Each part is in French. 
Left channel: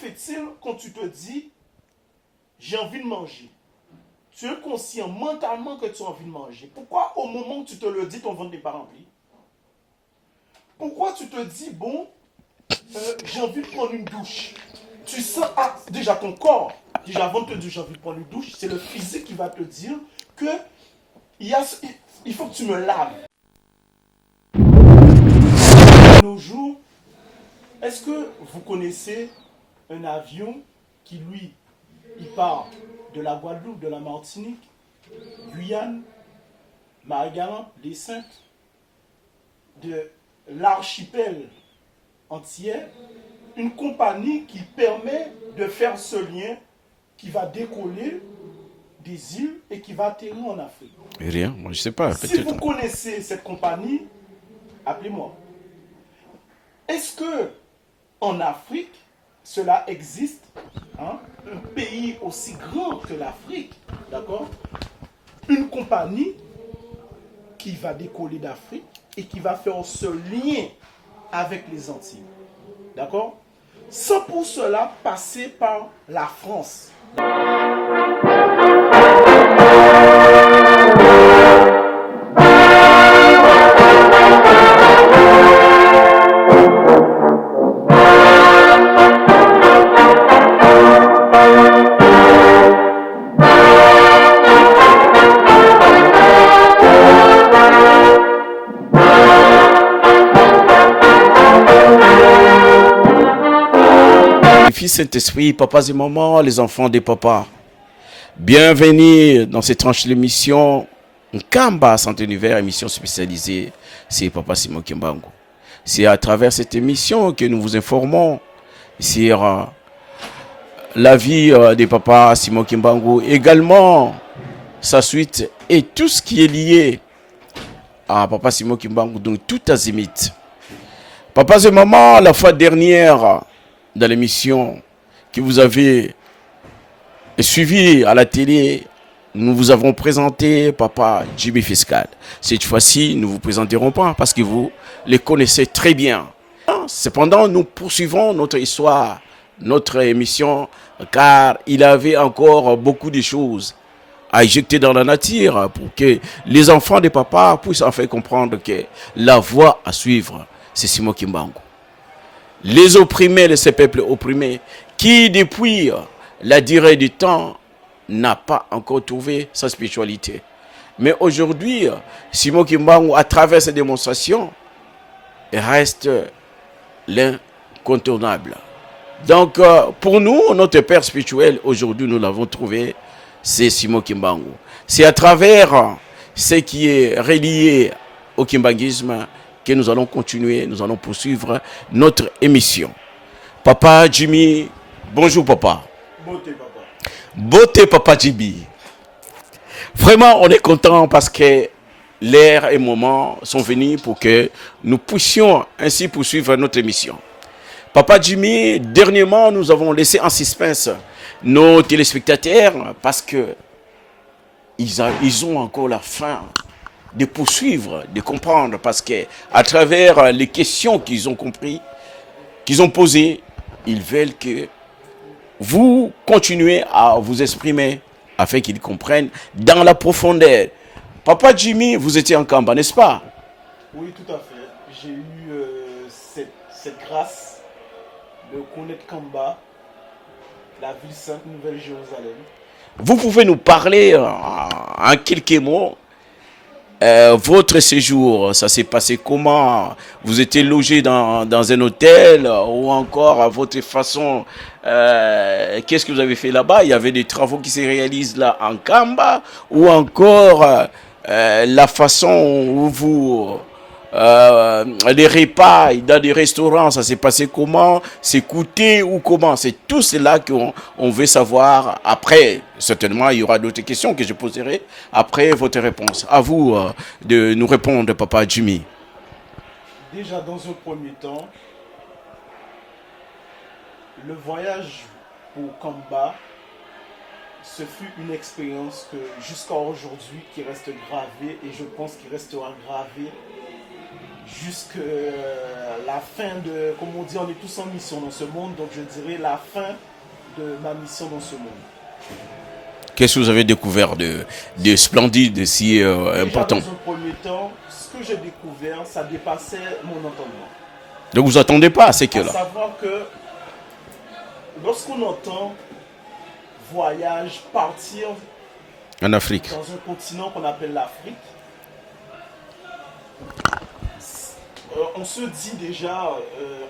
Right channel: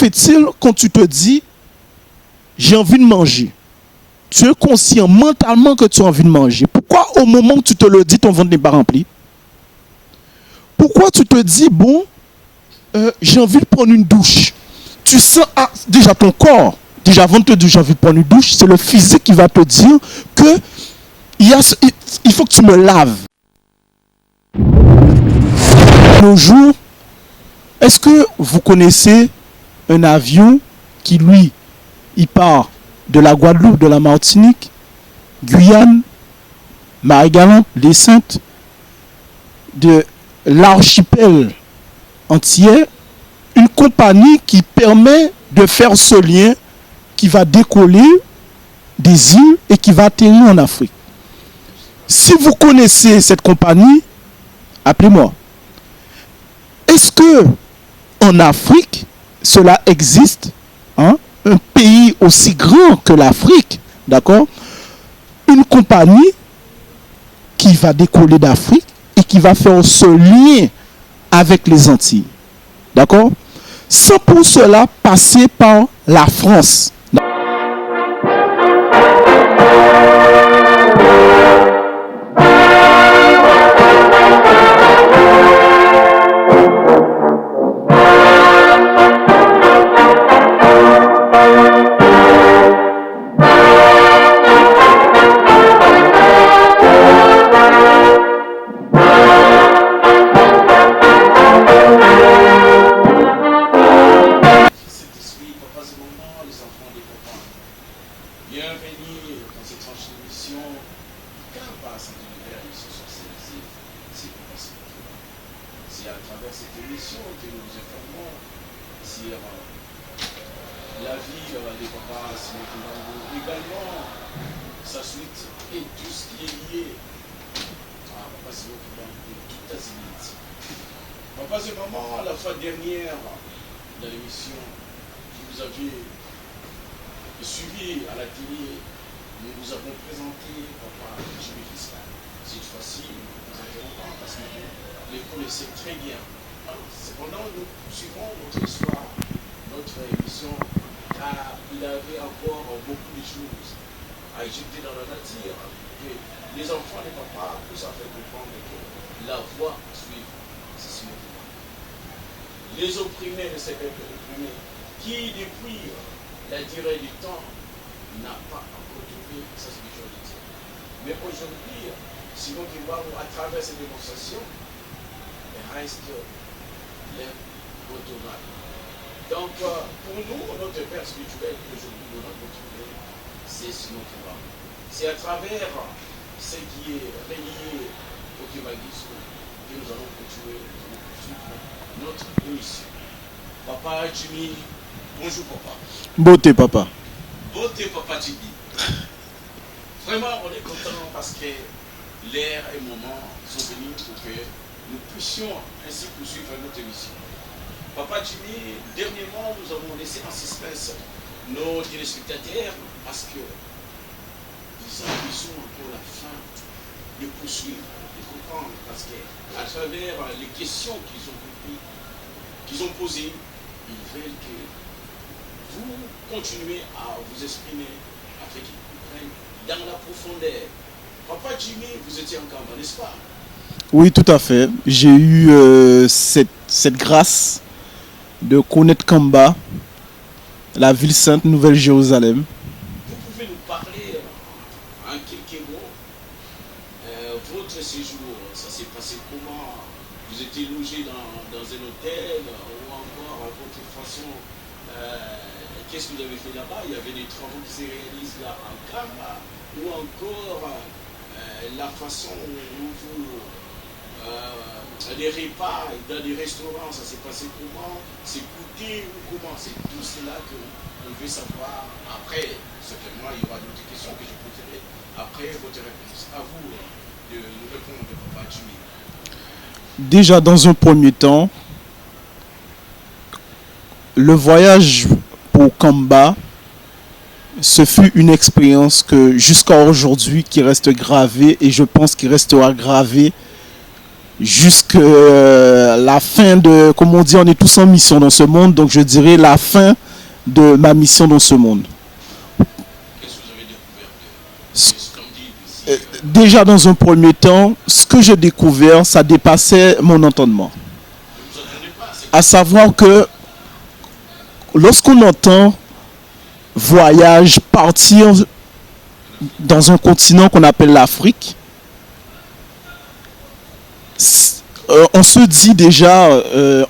fait-il quand tu te dis j'ai envie de manger? Tu es conscient mentalement que tu as envie de manger. Pourquoi au moment où tu te le dis, ton ventre n'est pas rempli? Pourquoi tu te dis, bon, j'ai envie de prendre une douche? Tu sens, déjà ton corps, déjà avant de te dire j'ai envie de prendre une douche, c'est le physique qui va te dire que il faut que tu me laves. Nos jours, est-ce que vous connaissez un avion qui, lui, il part de la Guadeloupe, de la Martinique, Guyane, Marie-Galante, les Saintes, de l'archipel entier, une compagnie qui permet de faire ce lien qui va décoller des îles et qui va atterrir en Afrique. Rien, je sais pas. Si vous connaissez cette compagnie, appelez-moi. Est-ce que en Afrique, cela existe, hein? Un pays aussi grand que l'Afrique, d'accord? Une compagnie qui va décoller d'Afrique et qui va faire ce lien avec les Antilles, d'accord? Sans pour cela passer par la France. Saint-Esprit, papas et mamans, les enfants des papas. Bienvenue dans cette tranche de l'émission Nkamba Santé Univers, émission spécialisée. C'est Papa Simon Kimbangu. C'est à travers cette émission que nous vous informons sur la vie des papas Simon Kimbangu, également sa suite et tout ce qui est lié à Papa Simon Kimbangu, donc tout azimut. Papas et mamans, la fois dernière, dans l'émission que vous avez suivie à la télé, nous vous avons présenté Papa Jimmy Fiscal. Cette fois-ci, nous ne vous présenterons pas parce que vous les connaissez très bien. Cependant, nous poursuivons notre histoire, notre émission, car il avait encore beaucoup de choses à éjecter dans la nature pour que les enfants des papas puissent enfin comprendre que la voie à suivre, c'est Simon Kimbangu. Les opprimés de ces peuples opprimés qui, depuis la durée du temps, n'a pas encore trouvé sa spiritualité. Mais aujourd'hui, Simon Kimbangu, à travers ces démonstrations, reste l'incontournable. Donc, pour nous, notre père spirituel, aujourd'hui, nous l'avons trouvé, c'est Simon Kimbangu. C'est à travers ce qui est relié au kimbanguisme que nous allons continuer, nous allons poursuivre notre émission. Papa Jimmy, bonjour papa. Beauté papa. Beauté papa Jimmy. Vraiment, on est content parce que l'heure et le moment sont venus pour que nous puissions ainsi poursuivre notre émission. Papa Jimmy, dernièrement, nous avons laissé en suspense nos téléspectateurs parce que ils ont encore la faim de poursuivre, de comprendre, parce que à travers les questions qu'ils ont compris, qu'ils ont posées, ils veulent que vous continuez à vous exprimer afin qu'ils comprennent dans la profondeur. Papa Jimmy, vous étiez en Kamba, n'est-ce pas? Oui, tout à fait. J'ai eu cette grâce de connaître Kamba, la ville sainte Nouvelle-Jérusalem. Vous pouvez nous parler en quelques mots votre séjour, ça s'est passé comment? Vous étiez logé dans un hôtel ou encore à votre façon, qu'est-ce que vous avez fait là-bas? Il y avait des travaux qui se réalisent là en Kamba ou encore la façon où vous... les repas dans des restaurants, ça s'est passé comment? C'est coûté ou comment? C'est tout cela qu'on veut savoir. Après, certainement, il y aura d'autres questions que je poserai après votre réponse. À vous de nous répondre, Papa Jimmy. Déjà, dans un premier temps, le voyage pour Kamba, ce fut une expérience que jusqu'à aujourd'hui qui reste gravée et je pense qu'il restera gravée jusqu'à la fin de, comme on dit, on est tous en mission dans ce monde, donc je dirais la fin de ma mission dans ce monde. Qu'est-ce que vous avez découvert de splendide ici Déjà, dans un premier temps, ce que j'ai découvert, ça dépassait mon entendement. Donc vous attendez pas, c'est à savoir que lorsqu'on entend voyage, partir en Afrique, dans un continent qu'on appelle l'Afrique, on se dit déjà,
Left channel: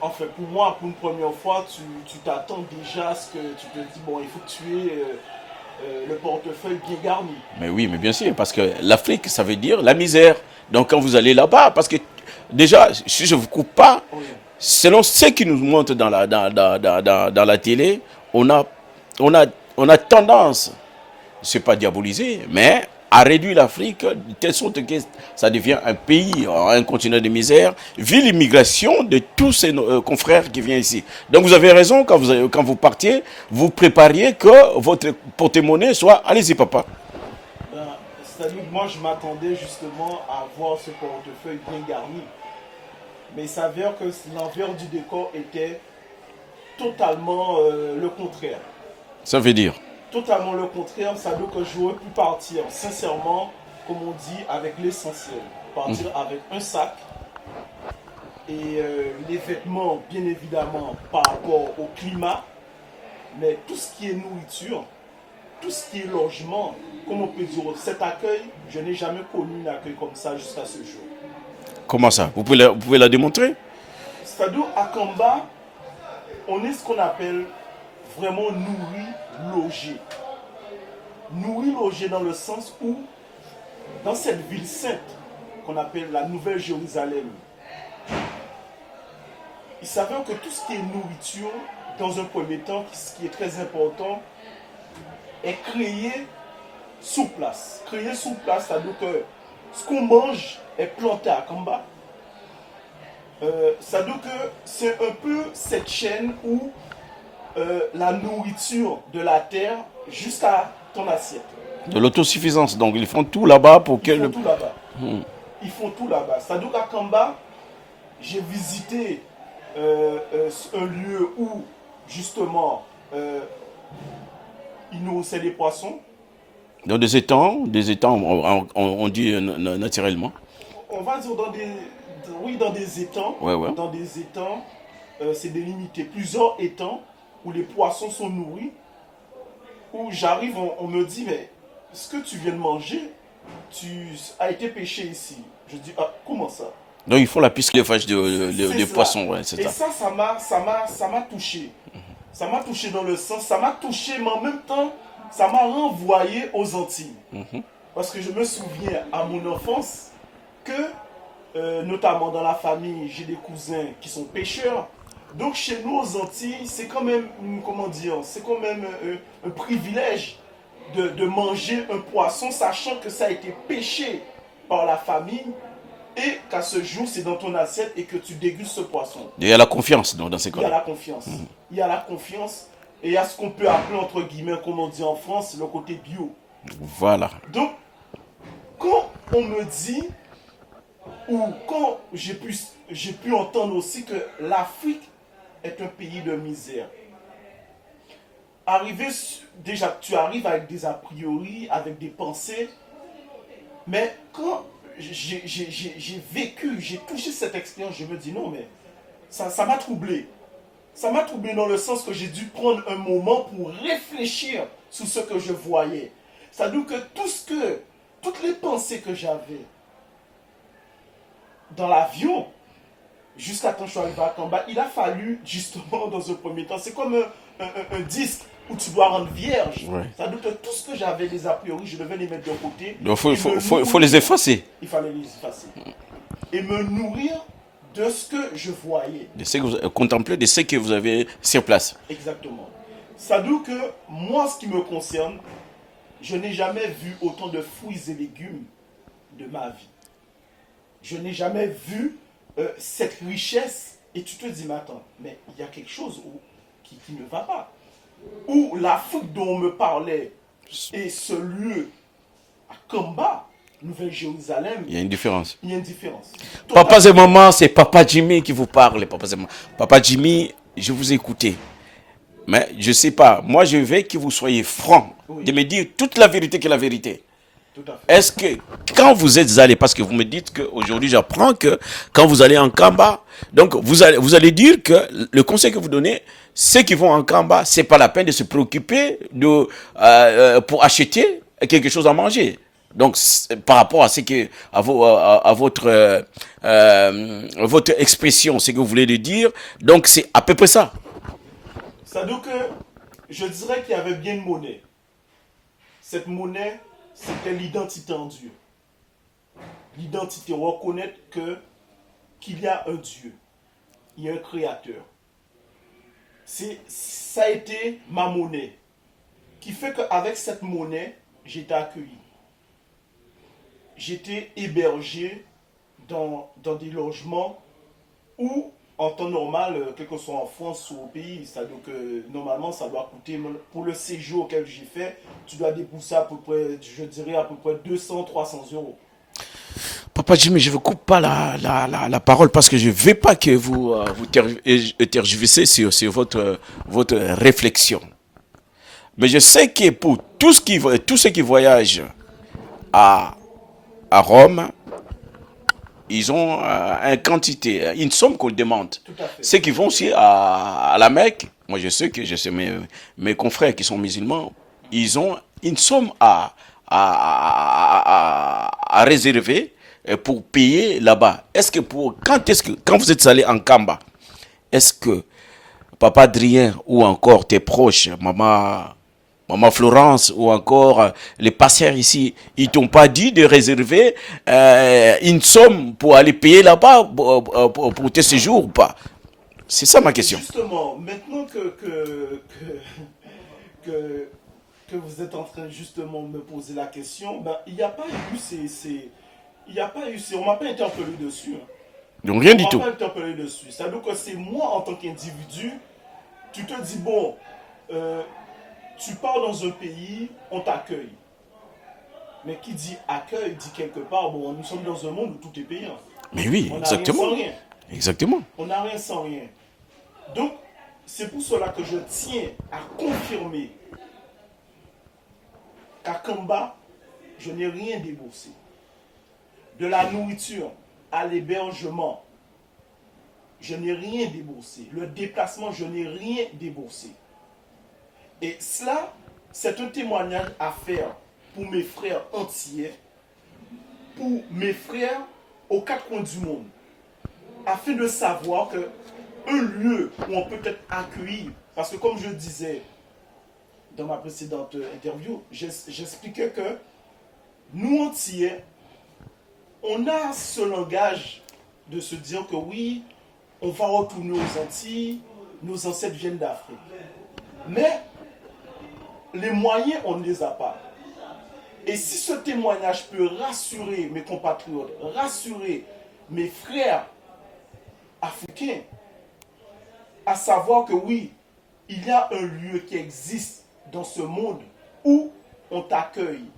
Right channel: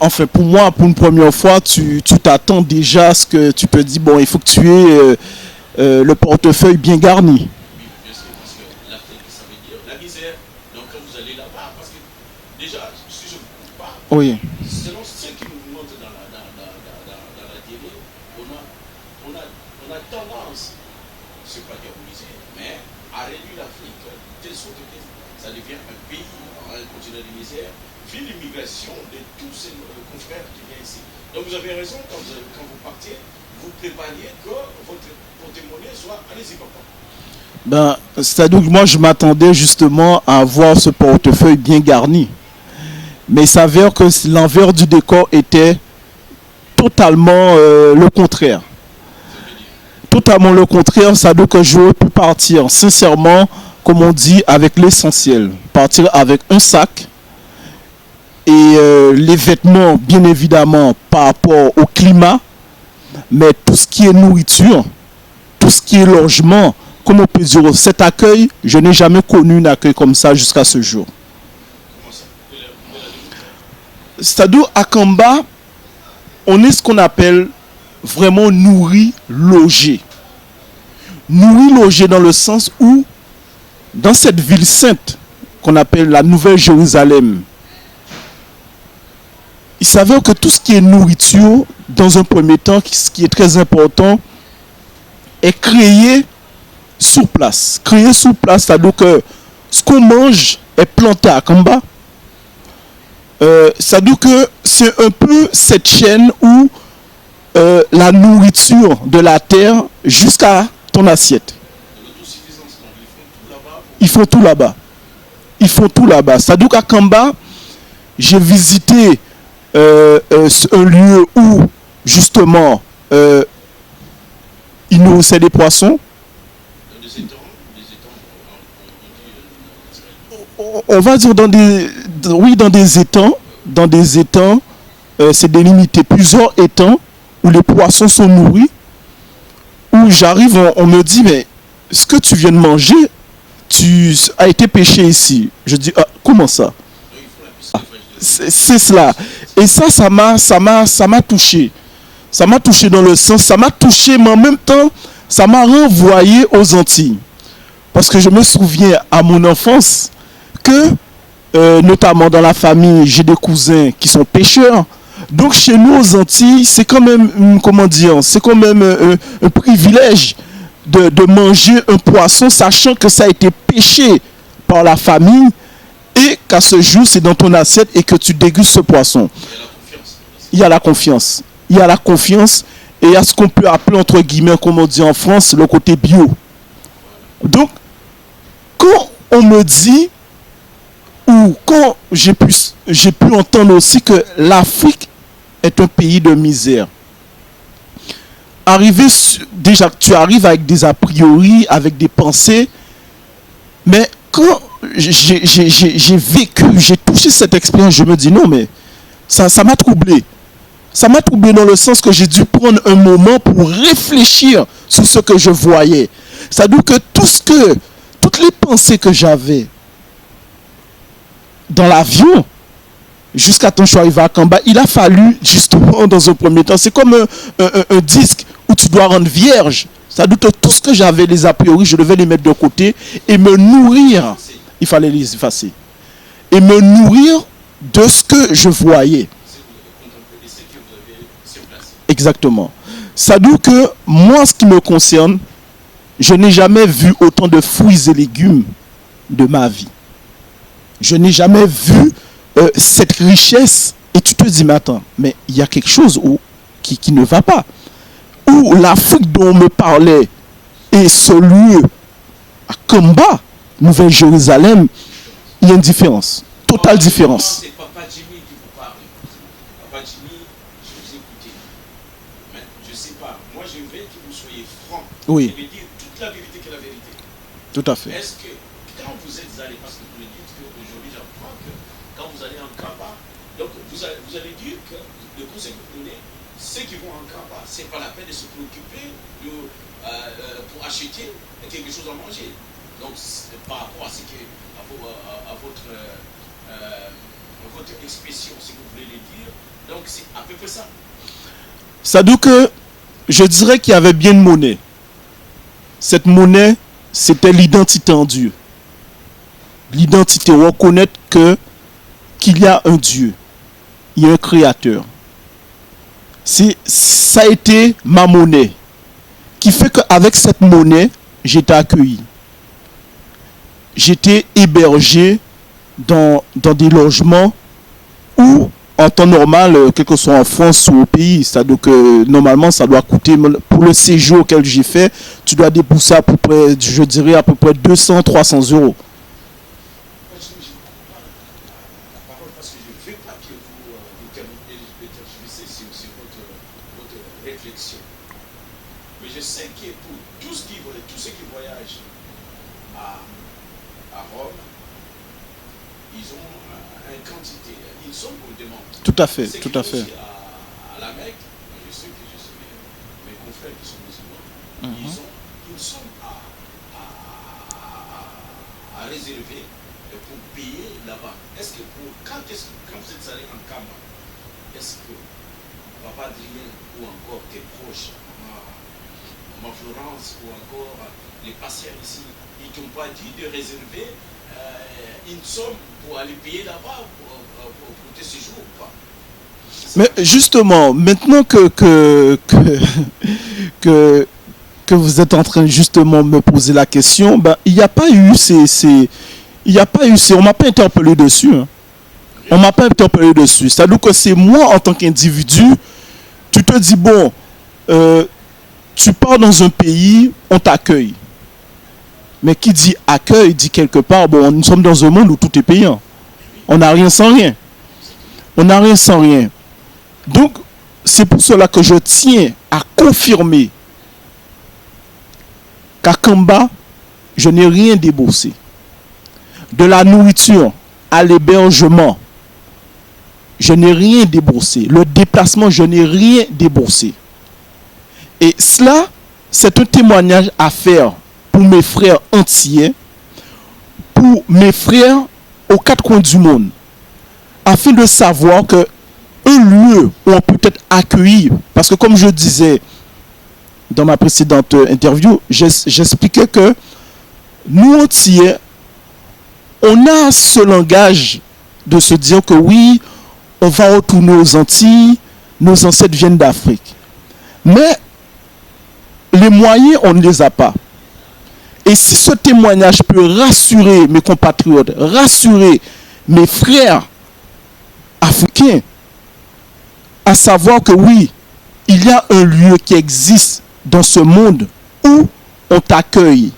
enfin pour moi, pour une première fois, tu t'attends déjà à ce que tu te dis, bon, il faut que tu aies le portefeuille bien garni. Mais oui, mais bien sûr, parce que l'Afrique, ça veut dire la misère. Donc quand vous allez là-bas, parce que déjà, si je ne vous coupe pas, oui. Selon ce qui nous montre dans la télé, on a tendance, c'est pas diaboliser, mais à réduire l'Afrique de telle sorte que ça devient un pays, un continent de misère, vu l'immigration de tous ces confrères qui viennent ici. Donc vous avez raison, quand vous partiez, vous prépariez que votre porte-monnaie soit... Allez-y, papa. Ben, c'est-à-dire que moi, je m'attendais justement à avoir ce portefeuille bien garni. Mais il s'avère que l'envers du décor était totalement le contraire. Ça veut dire? Totalement le contraire, ça veut dire que j'aurais pu partir sincèrement, comme on dit, avec l'essentiel. Partir avec un sac et les vêtements, bien évidemment, par rapport au climat, mais tout ce qui est nourriture, tout ce qui est logement, comme on peut dire, cet accueil, je n'ai jamais connu un accueil comme ça jusqu'à ce jour. Comment ça? Vous pouvez la démontrer? C'est-à-dire, à Kamba, on est ce qu'on appelle vraiment nourri, logé. Nourri, logé dans le sens où, dans cette ville sainte qu'on appelle la Nouvelle Jérusalem, il s'avère que tout ce qui est nourriture, dans un premier temps, ce qui est très important, est créé sur place. Créé sur place, c'est-à-dire que ce qu'on mange est planté à Kamba. C'est-à-dire que c'est un peu cette chaîne où la nourriture de la terre jusqu'à ton assiette. De l'autosuffisance, donc ils font tout là-bas pour... Ils font tout là-bas. Ils font tout là-bas. C'est-à-dire qu'à Kamba, j'ai visité un lieu où, justement, ils nourrissaient des poissons. Dans des étangs, on dit naturellement. On va dire dans des étangs. Ouais. Dans des étangs, c'est délimité plusieurs étangs où les poissons sont nourris. Où j'arrive, on me dit, mais ce que tu viens de manger, tu as été pêché ici. Je dis, ah, comment ça? Donc il faut la piste de fâche de c'est cela. Et ça m'a touché. Ça m'a touché dans le sens, ça m'a touché, mais en même temps, ça m'a renvoyé aux Antilles. Parce que je me souviens à mon enfance que, notamment dans la famille, j'ai des cousins qui sont pêcheurs. Donc chez nous aux Antilles, c'est quand même, comment dire, c'est quand même un privilège de manger un poisson, sachant que ça a été pêché par la famille et qu'à ce jour, c'est dans ton assiette et que tu dégustes ce poisson. Il y a la confiance dans ces cas. Il y a la confiance. Il y a la confiance et il y a ce qu'on peut appeler, entre guillemets, comme on dit en France, le côté bio. Voilà. Donc, quand on me dit, ou quand j'ai pu entendre aussi que l'Afrique est un pays de misère, déjà, tu arrives avec des a priori, avec des pensées, mais quand j'ai vécu, j'ai touché cette expérience, je me dis non, mais ça m'a troublé. Ça m'a troublé dans le sens que j'ai dû prendre un moment pour réfléchir sur ce que je voyais. C'est-à-dire que toutes les pensées que j'avais dans l'avion, jusqu'à temps que je suis arrivé à Kamba, il a fallu justement dans un premier temps, c'est comme un disque où tu dois rendre vierge. Ouais. C'est-à-dire que tout ce que j'avais, les a priori, je devais les mettre de côté et me nourrir. Il fallait les effacer. Et me nourrir de ce que je voyais. Contempler de ce que vous avez sur place. Exactement. C'est-à-dire que moi, ce qui me concerne, je n'ai jamais vu autant de fruits et légumes de ma vie. Je n'ai jamais vu cette richesse. Et tu te dis, mais attends, mais il y a quelque chose qui ne va pas. Où l'Afrique dont on me parlait et ce lieu à Kamba, Nouvelle-Jérusalem, il y a une différence. Il y a une différence. totale Papa et différence. maman, c'est Papa Jimmy qui vous parle. Papa Jimmy, je vous ai écouté. Mais je ne sais pas. Moi, je veux que vous soyez franc. Oui. De me dire toute la vérité que la vérité. Tout à fait. Est-ce que quand vous êtes allé, parce que vous me dites qu'aujourd'hui j'apprends que quand vous allez en Kamba, donc vous allez dire que le conseil que vous donnez, ceux qui vont en Kamba, ce n'est pas la peine de se préoccuper pour acheter quelque chose à manger. Donc par rapport à ce que à votre expression, ce que vous voulez dire, donc c'est à peu près ça. Ça veut dire que je dirais qu'il y avait bien une monnaie. Cette monnaie, c'était l'identité en Dieu. L'identité, reconnaître qu'il y a un Dieu, il y a un créateur. Ça a été ma monnaie, qui fait qu'avec cette monnaie, j'étais accueilli. J'étais hébergé dans des logements où, en temps normal, quel que soit en France ou au pays, c'est-à-dire que normalement, ça doit coûter, pour le séjour auquel j'ai fait, tu dois débourser à peu près, je dirais à peu près 200-300 euros. Papa Jimmy, je ne vous coupe pas la parole parce que je ne veux pas que vous tergiversez sur votre réflexion. Mais je sais que pour tous ceux qui voyagent à Rome, ils ont une somme qu'on demande. Tout à fait. Ceux qui vont aussi à la Mecque, moi je sais mes confrères qui sont musulmans, ils ont une somme à réserver pour payer là-bas. Quand vous êtes allé en Kamba, est-ce que Papa Adrien ou encore tes proches, Maman Florence ou encore les pasteurs ici, ils t'ont pas dit de réserver une somme pour aller payer là-bas pour tes séjours ou pas? C'est ça ma question. Justement, maintenant que vous êtes en train justement de me poser la question, ben, il n'y a pas eu on m'a pas interpellé dessus. Hein. Donc, on m'a pas interpellé dessus. C'est-à-dire que c'est moi en tant qu'individu, tu te dis bon, tu pars dans un pays, on t'accueille. Mais qui dit accueil dit quelque part, bon, nous sommes dans un monde où tout est payant. Mais oui, on n'a rien sans rien. Exactement. On n'a rien sans rien. Donc, c'est pour cela que je tiens à confirmer qu'à Kamba, je n'ai rien déboursé. De la nourriture à l'hébergement, je n'ai rien déboursé. Le déplacement, je n'ai rien déboursé. Et cela, c'est un témoignage à faire pour mes frères entiers, pour mes frères aux quatre coins du monde, afin de savoir que un lieu où on peut être accueilli, parce que comme je disais dans ma précédente interview, j'expliquais que nous entiers, on a ce langage de se dire que oui, on va retourner aux Antilles, nos ancêtres viennent d'Afrique. Mais les moyens, on ne les a pas. Et si ce témoignage peut rassurer mes compatriotes, rassurer mes frères africains, à savoir que oui, il y a un lieu qui existe dans ce monde où on t'accueille.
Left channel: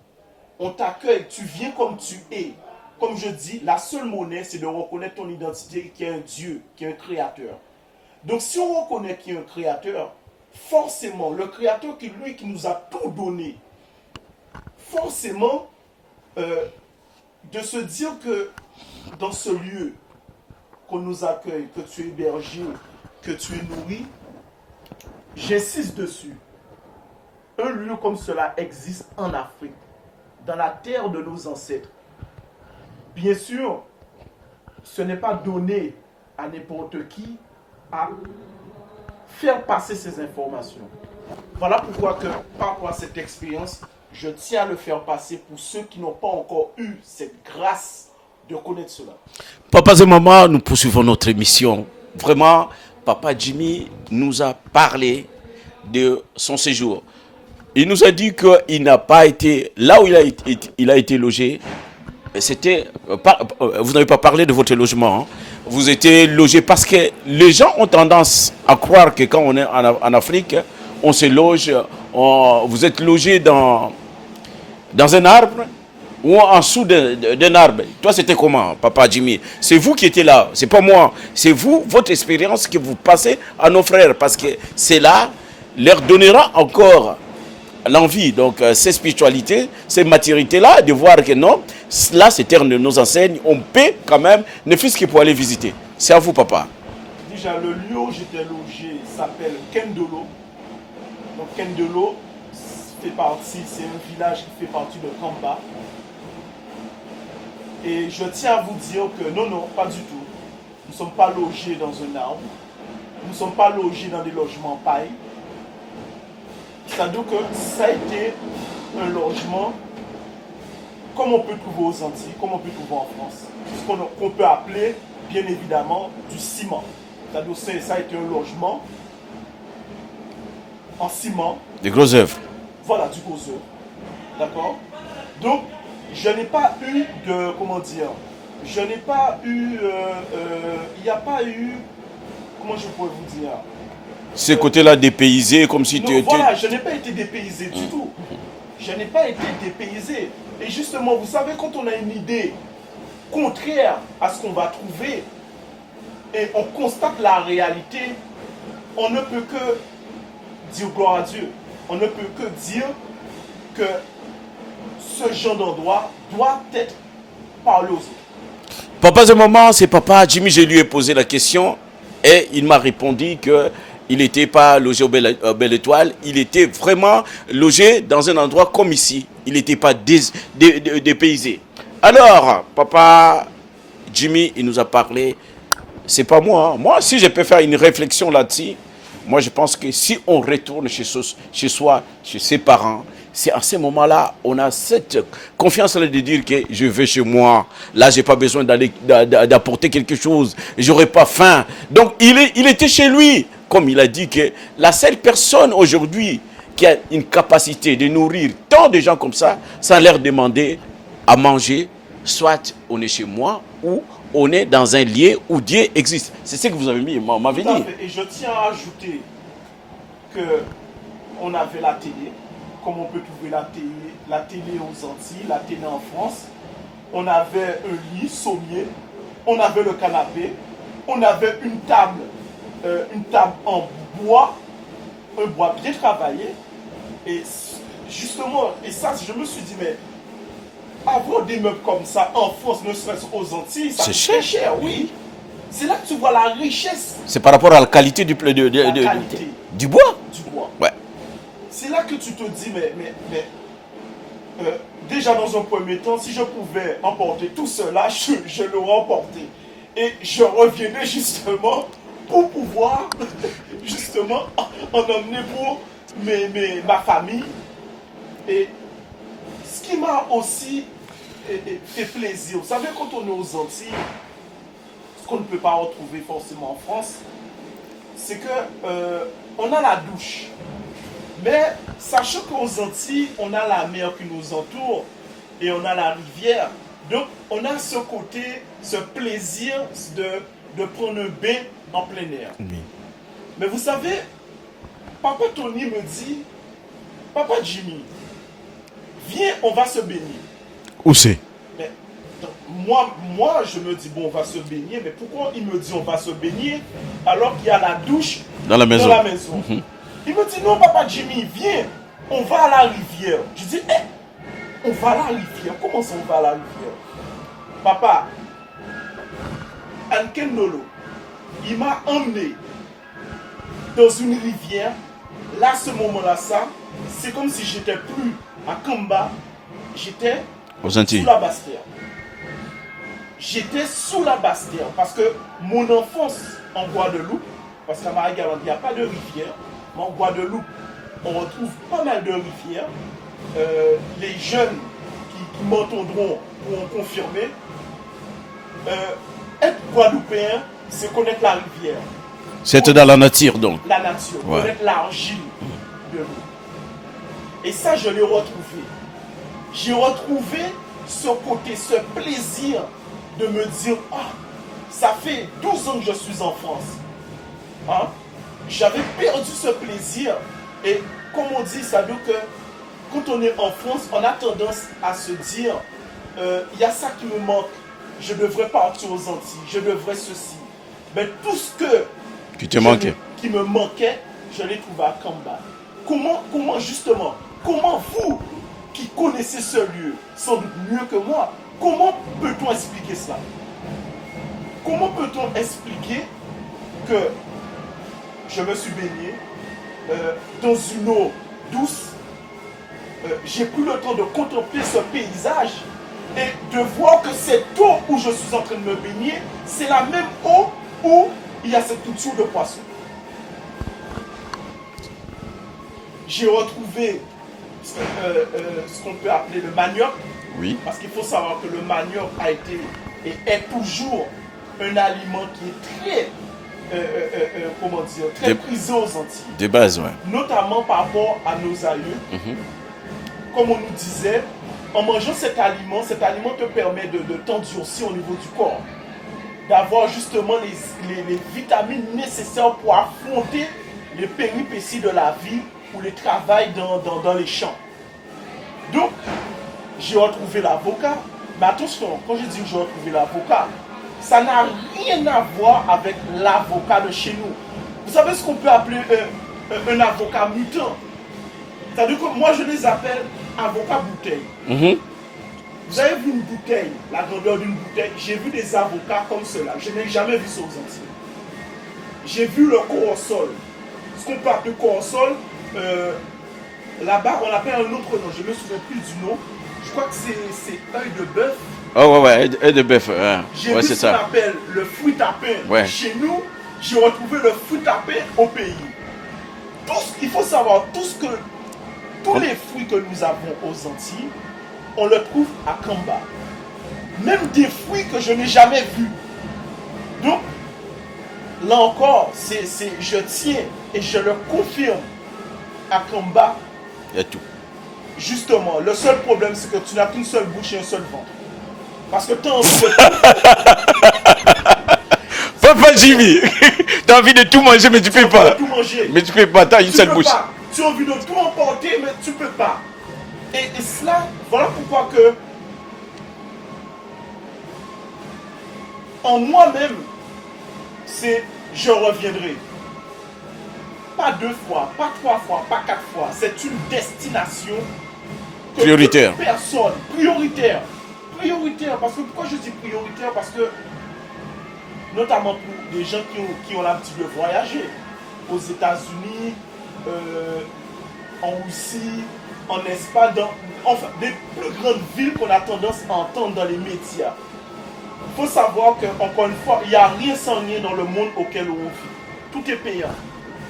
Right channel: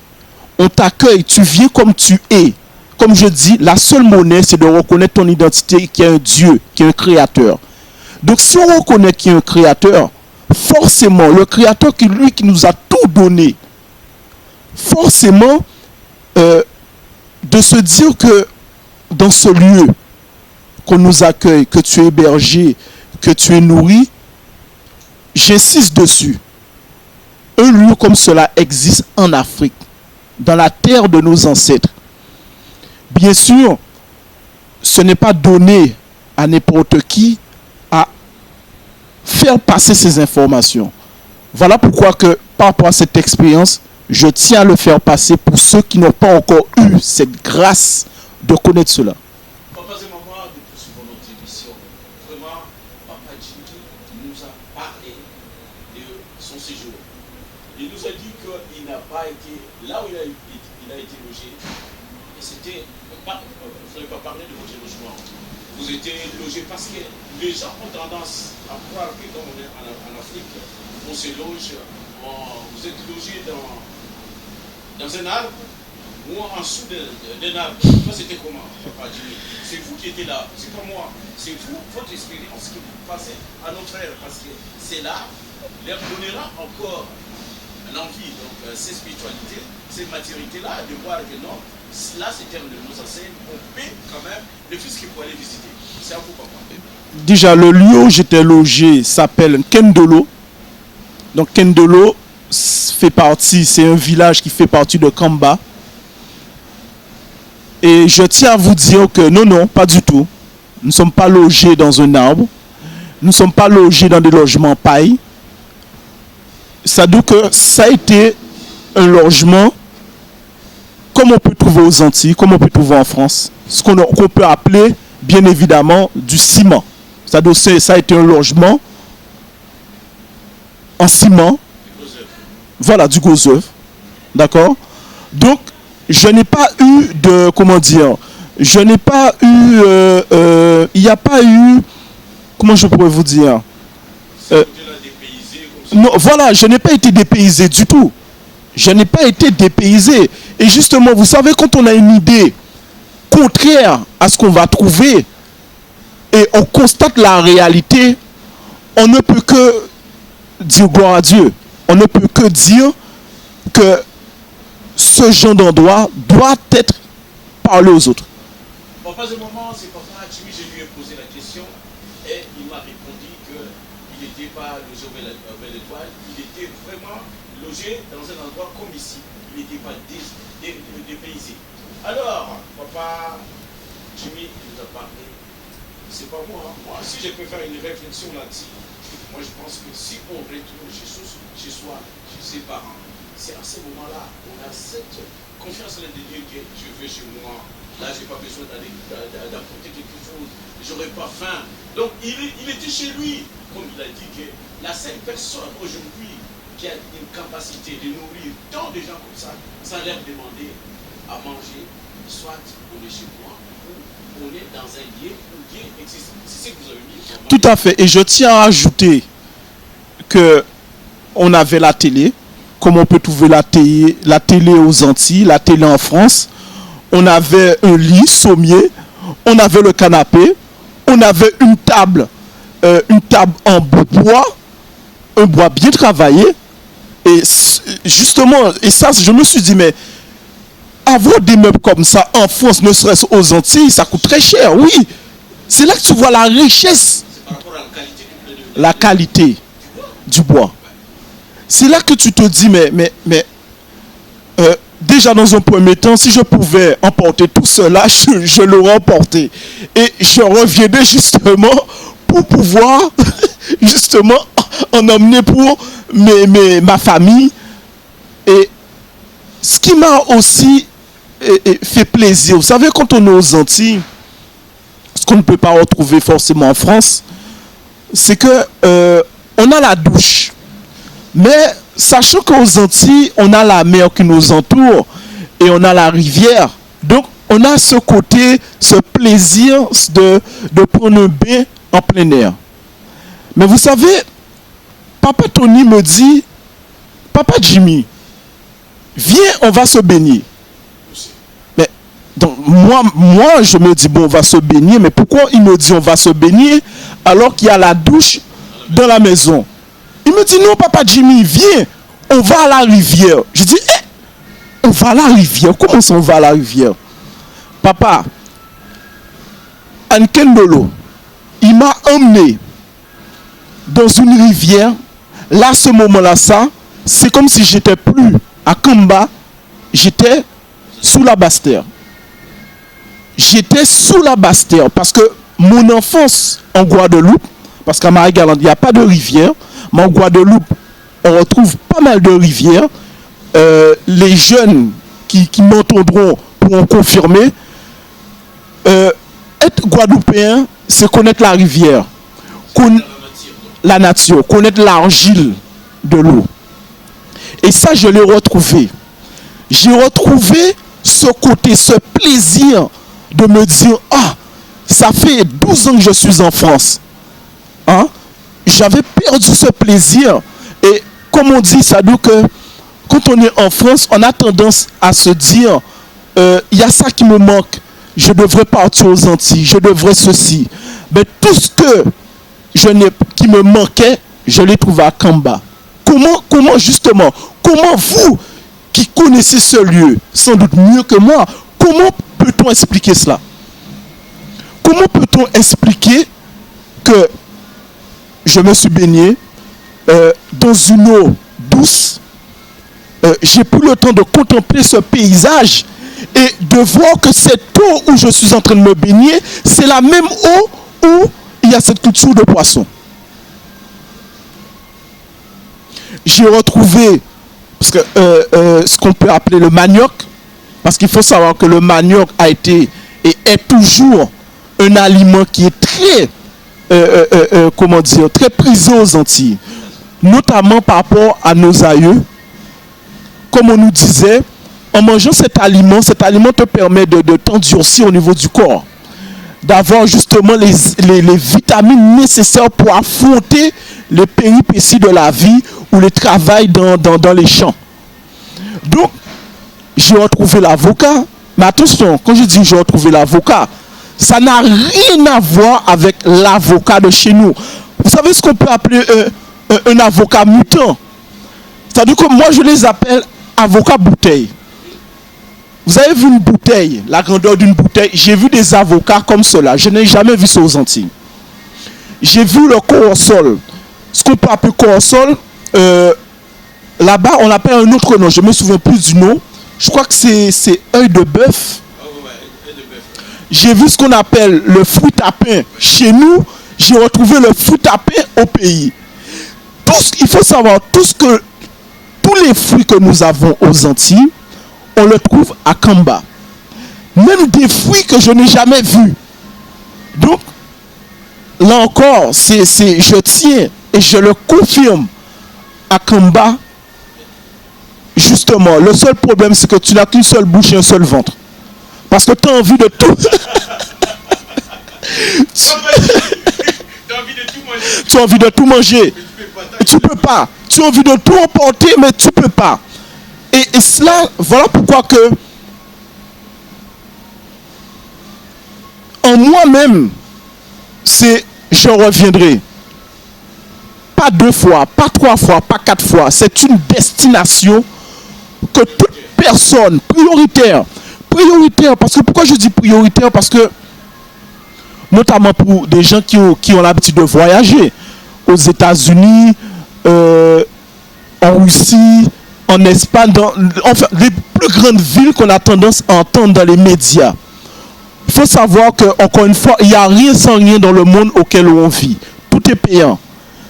On t'accueille, tu viens comme tu es. Comme je dis, la seule monnaie, c'est de reconnaître ton identité, qu'il y a un Dieu, qu'il y a un créateur. Donc si on reconnaît qu'il y a un créateur, forcément, le créateur qui nous a tout donné, forcément, de se dire que dans ce lieu qu'on nous accueille, que tu es hébergé, que tu es nourri, j'insiste dessus. Un lieu comme cela existe en Afrique, dans la terre de nos ancêtres. Bien sûr, ce n'est pas donné à n'importe qui à faire passer ces informations. Voilà pourquoi que, par rapport à cette expérience, je tiens à le faire passer pour ceux qui n'ont pas encore eu cette grâce de connaître cela. Papas et mamans, nous poursuivons notre émission. Vraiment, Papa Jimmy nous a parlé de son séjour. Il nous a dit qu'il n'a pas été là où il a été logé. C'était vous n'avez pas parlé de votre logement. Hein. Vous étiez logé parce que les gens ont tendance à croire que quand on est en Afrique, on se loge, vous êtes logé dans un arbre ou en dessous d'un arbre. Toi, c'était comment, Papa Jimmy? C'est vous qui étiez là, c'est pas moi. C'est vous, votre expérience que vous passez à nos frères, parce que c'est là, leur donnera encore l'envie. Donc, ces spiritualités, ces maturités-là, de voir que non, là, ces terres nous enseignent, on paie quand même, ne fût-ce que pour aller visiter. C'est à vous, papa. Déjà, le lieu où j'étais logé s'appelle Kendolo. Donc, Kendolo fait partie, c'est un village qui fait partie de Kamba. Et je tiens à vous dire que non, pas du tout. Nous ne sommes pas logés dans un arbre. Nous ne sommes pas logés dans des logements paille. Ça veut dire que ça a été un logement comme on peut trouver aux Antilles, comme on peut trouver en France. Ce qu'on peut appeler, bien évidemment, du ciment. Ça a été un logement en ciment. Des gros œuvres. Voilà, du gros œuvre. D'accord? Donc, je n'ai pas eu de... Comment dire? Je n'ai pas eu... il n'y a pas eu... Comment je pourrais vous dire? Ces côtés-là dépaysés, comme si... Non, voilà, je n'ai pas été dépaysé du tout. Je n'ai pas été dépaysé. Et justement, vous savez, quand on a une idée contraire à ce qu'on va trouver et on constate la réalité, on ne peut que dire gloire à Dieu. On ne peut que dire que ce genre d'endroit doit être parlé aux autres. Papa, ce moment, c'est Papa Jimmy, je lui ai posé la question et il m'a répondu que il n'était pas logé au Belle Étoile, il était vraiment logé dans un endroit comme ici. Il n'était pas dépaysé. Alors, Papa Jimmy, il nous a parlé. C'est pas moi. Moi, si je peux faire une réflexion là-dessus, moi je pense que si on retourne chez soi, chez ses parents, c'est à ce moment-là, on a cette confiance-là de dire que je vais chez moi. Là, je n'ai pas besoin d'apporter quelque chose. Je n'aurai pas faim. Donc, il était chez lui. Comme il a dit que la seule personne aujourd'hui qui a une capacité de nourrir tant de gens comme ça, sans leur demander à manger, soit on est chez moi ou on est dans un lieu où Dieu existe. C'est ce que vous avez mis. Tout à fait. Et je tiens à ajouter que on avait la télé, comme on peut trouver la télé aux Antilles, la télé en France. On avait un lit sommier, on avait le canapé, on avait une table en bois, un bois bien travaillé. Et justement, et ça, je me suis dit, mais avoir des meubles comme ça en France, ne serait-ce aux Antilles, ça coûte très cher, oui. C'est là que tu vois la richesse. C'est par rapport à la qualité qualité du bois. Du bois. Ouais. C'est là que tu te dis, mais déjà dans un premier temps, si je pouvais emporter tout cela, je l'aurais emporté. Et je reviendrai justement pour pouvoir justement en emmener pour ma famille. Et ce qui m'a aussi fait plaisir, vous savez, quand on est aux Antilles, ce qu'on ne peut pas retrouver forcément en France, c'est que on a la douche. Mais sachant qu'aux Antilles, on a la mer qui nous entoure et on a la rivière. Donc, on a ce côté, ce plaisir de prendre un bain en plein air. Mais vous savez, Papa Tony me dit, Papa Jimmy, viens, on va se baigner. Où c'est? Mais donc, moi, je me dis, bon, on va se baigner. Mais pourquoi il me dit on va se baigner alors qu'il y a la douche dans la maison? Il me dit, non, Papa Jimmy, viens, on va à la rivière. Je dis, on va à la rivière? Comment ça, on va à la rivière? Papa, Ankendolo, il m'a emmené dans une rivière. Là, à ce moment-là, ça, c'est comme si j'étais plus à Kamba, j'étais sous la Basse-Terre. J'étais sous la Basse-Terre parce que mon enfance en Guadeloupe, parce qu'à Marie-Galante, il n'y a pas de rivière, mais en Guadeloupe, on retrouve pas mal de rivières. Les jeunes qui m'entendront pourront confirmer. Être guadeloupéen, c'est connaître la rivière. C'est dans la nature, donc. La nature, connaître l'argile de l'eau. Et ça, je l'ai retrouvé. J'ai retrouvé ce côté, ce plaisir de me dire, ah, ça fait 12 ans que je suis en France. Hein? J'avais perdu ce plaisir. Et comme on dit, ça dit que quand on est en France, on a tendance à se dire, y a ça qui me manque, je devrais partir aux Antilles, je devrais ceci. Mais tout ce qui me manquait, je l'ai trouvé à Kamba. Comment justement, comment vous qui connaissez ce lieu, sans doute mieux que moi, comment peut-on expliquer cela? Comment peut-on expliquer que je me suis baigné dans une eau douce, j'ai pris le temps de contempler ce paysage et de voir que cette eau où je suis en train de me baigner, c'est la même eau où il y a cette culture de poissons. J'ai retrouvé ce qu'on peut appeler le manioc, oui. Parce qu'il faut savoir que le manioc a été et est toujours un aliment qui est très très prisé aux Antilles, de base, ouais. Notamment par rapport à nos aïeux. Comme on nous disait, en mangeant cet aliment te permet de t'endurcir au niveau du corps, d'avoir justement les vitamines nécessaires pour affronter les péripéties de la vie ou les travail dans les champs. Donc, j'ai retrouvé l'avocat, mais attention, quand je dis j'ai retrouvé l'avocat, ça n'a rien à voir avec l'avocat de chez nous. Vous savez ce qu'on peut appeler un avocat mutant? C'est-à-dire que moi je les appelle avocats bouteille. Vous avez vu une bouteille, la grandeur d'une bouteille? J'ai vu des avocats comme cela. Je n'ai jamais vu ça aux Antilles. J'ai vu le corossol. Ce qu'on peut appeler corossol, là-bas on appelle un autre nom. Je ne me souviens plus du nom. Je crois que c'est œil de bœuf. Oh ouais, œil de bœuf. J'ai vu ce qu'on appelle le fruit à pain. Ouais. Chez nous, j'ai retrouvé le fruit à pain au pays. Il faut savoir, tous les fruits que nous avons aux Antilles, on le trouve à Kamba. Même des fruits que je n'ai jamais vus. Donc, là encore, je tiens et je le confirme, à Kamba, justement, le seul problème, c'est que tu n'as qu'une seule bouche et un seul ventre. Parce que tu as envie de tout. Tu as envie de tout manger, mais tu peux pas. Tu as envie de tout manger. Mais tu peux pas, tu peux pas. Tu as envie de tout emporter, mais tu peux pas. Et cela, voilà pourquoi que en moi-même, je reviendrai. Pas 2 fois, pas 3 fois, pas 4 fois. C'est une destination que prioritaire. Toute personne, prioritaire. Parce que pourquoi je dis prioritaire? Parce que notamment pour des gens qui ont l'habitude de voyager aux États-Unis, en Russie, en Espagne, enfin les plus grandes villes qu'on a tendance à entendre dans les médias. Il faut savoir que, encore une fois, il n'y a rien sans rien dans le monde auquel on vit. Tout est payant.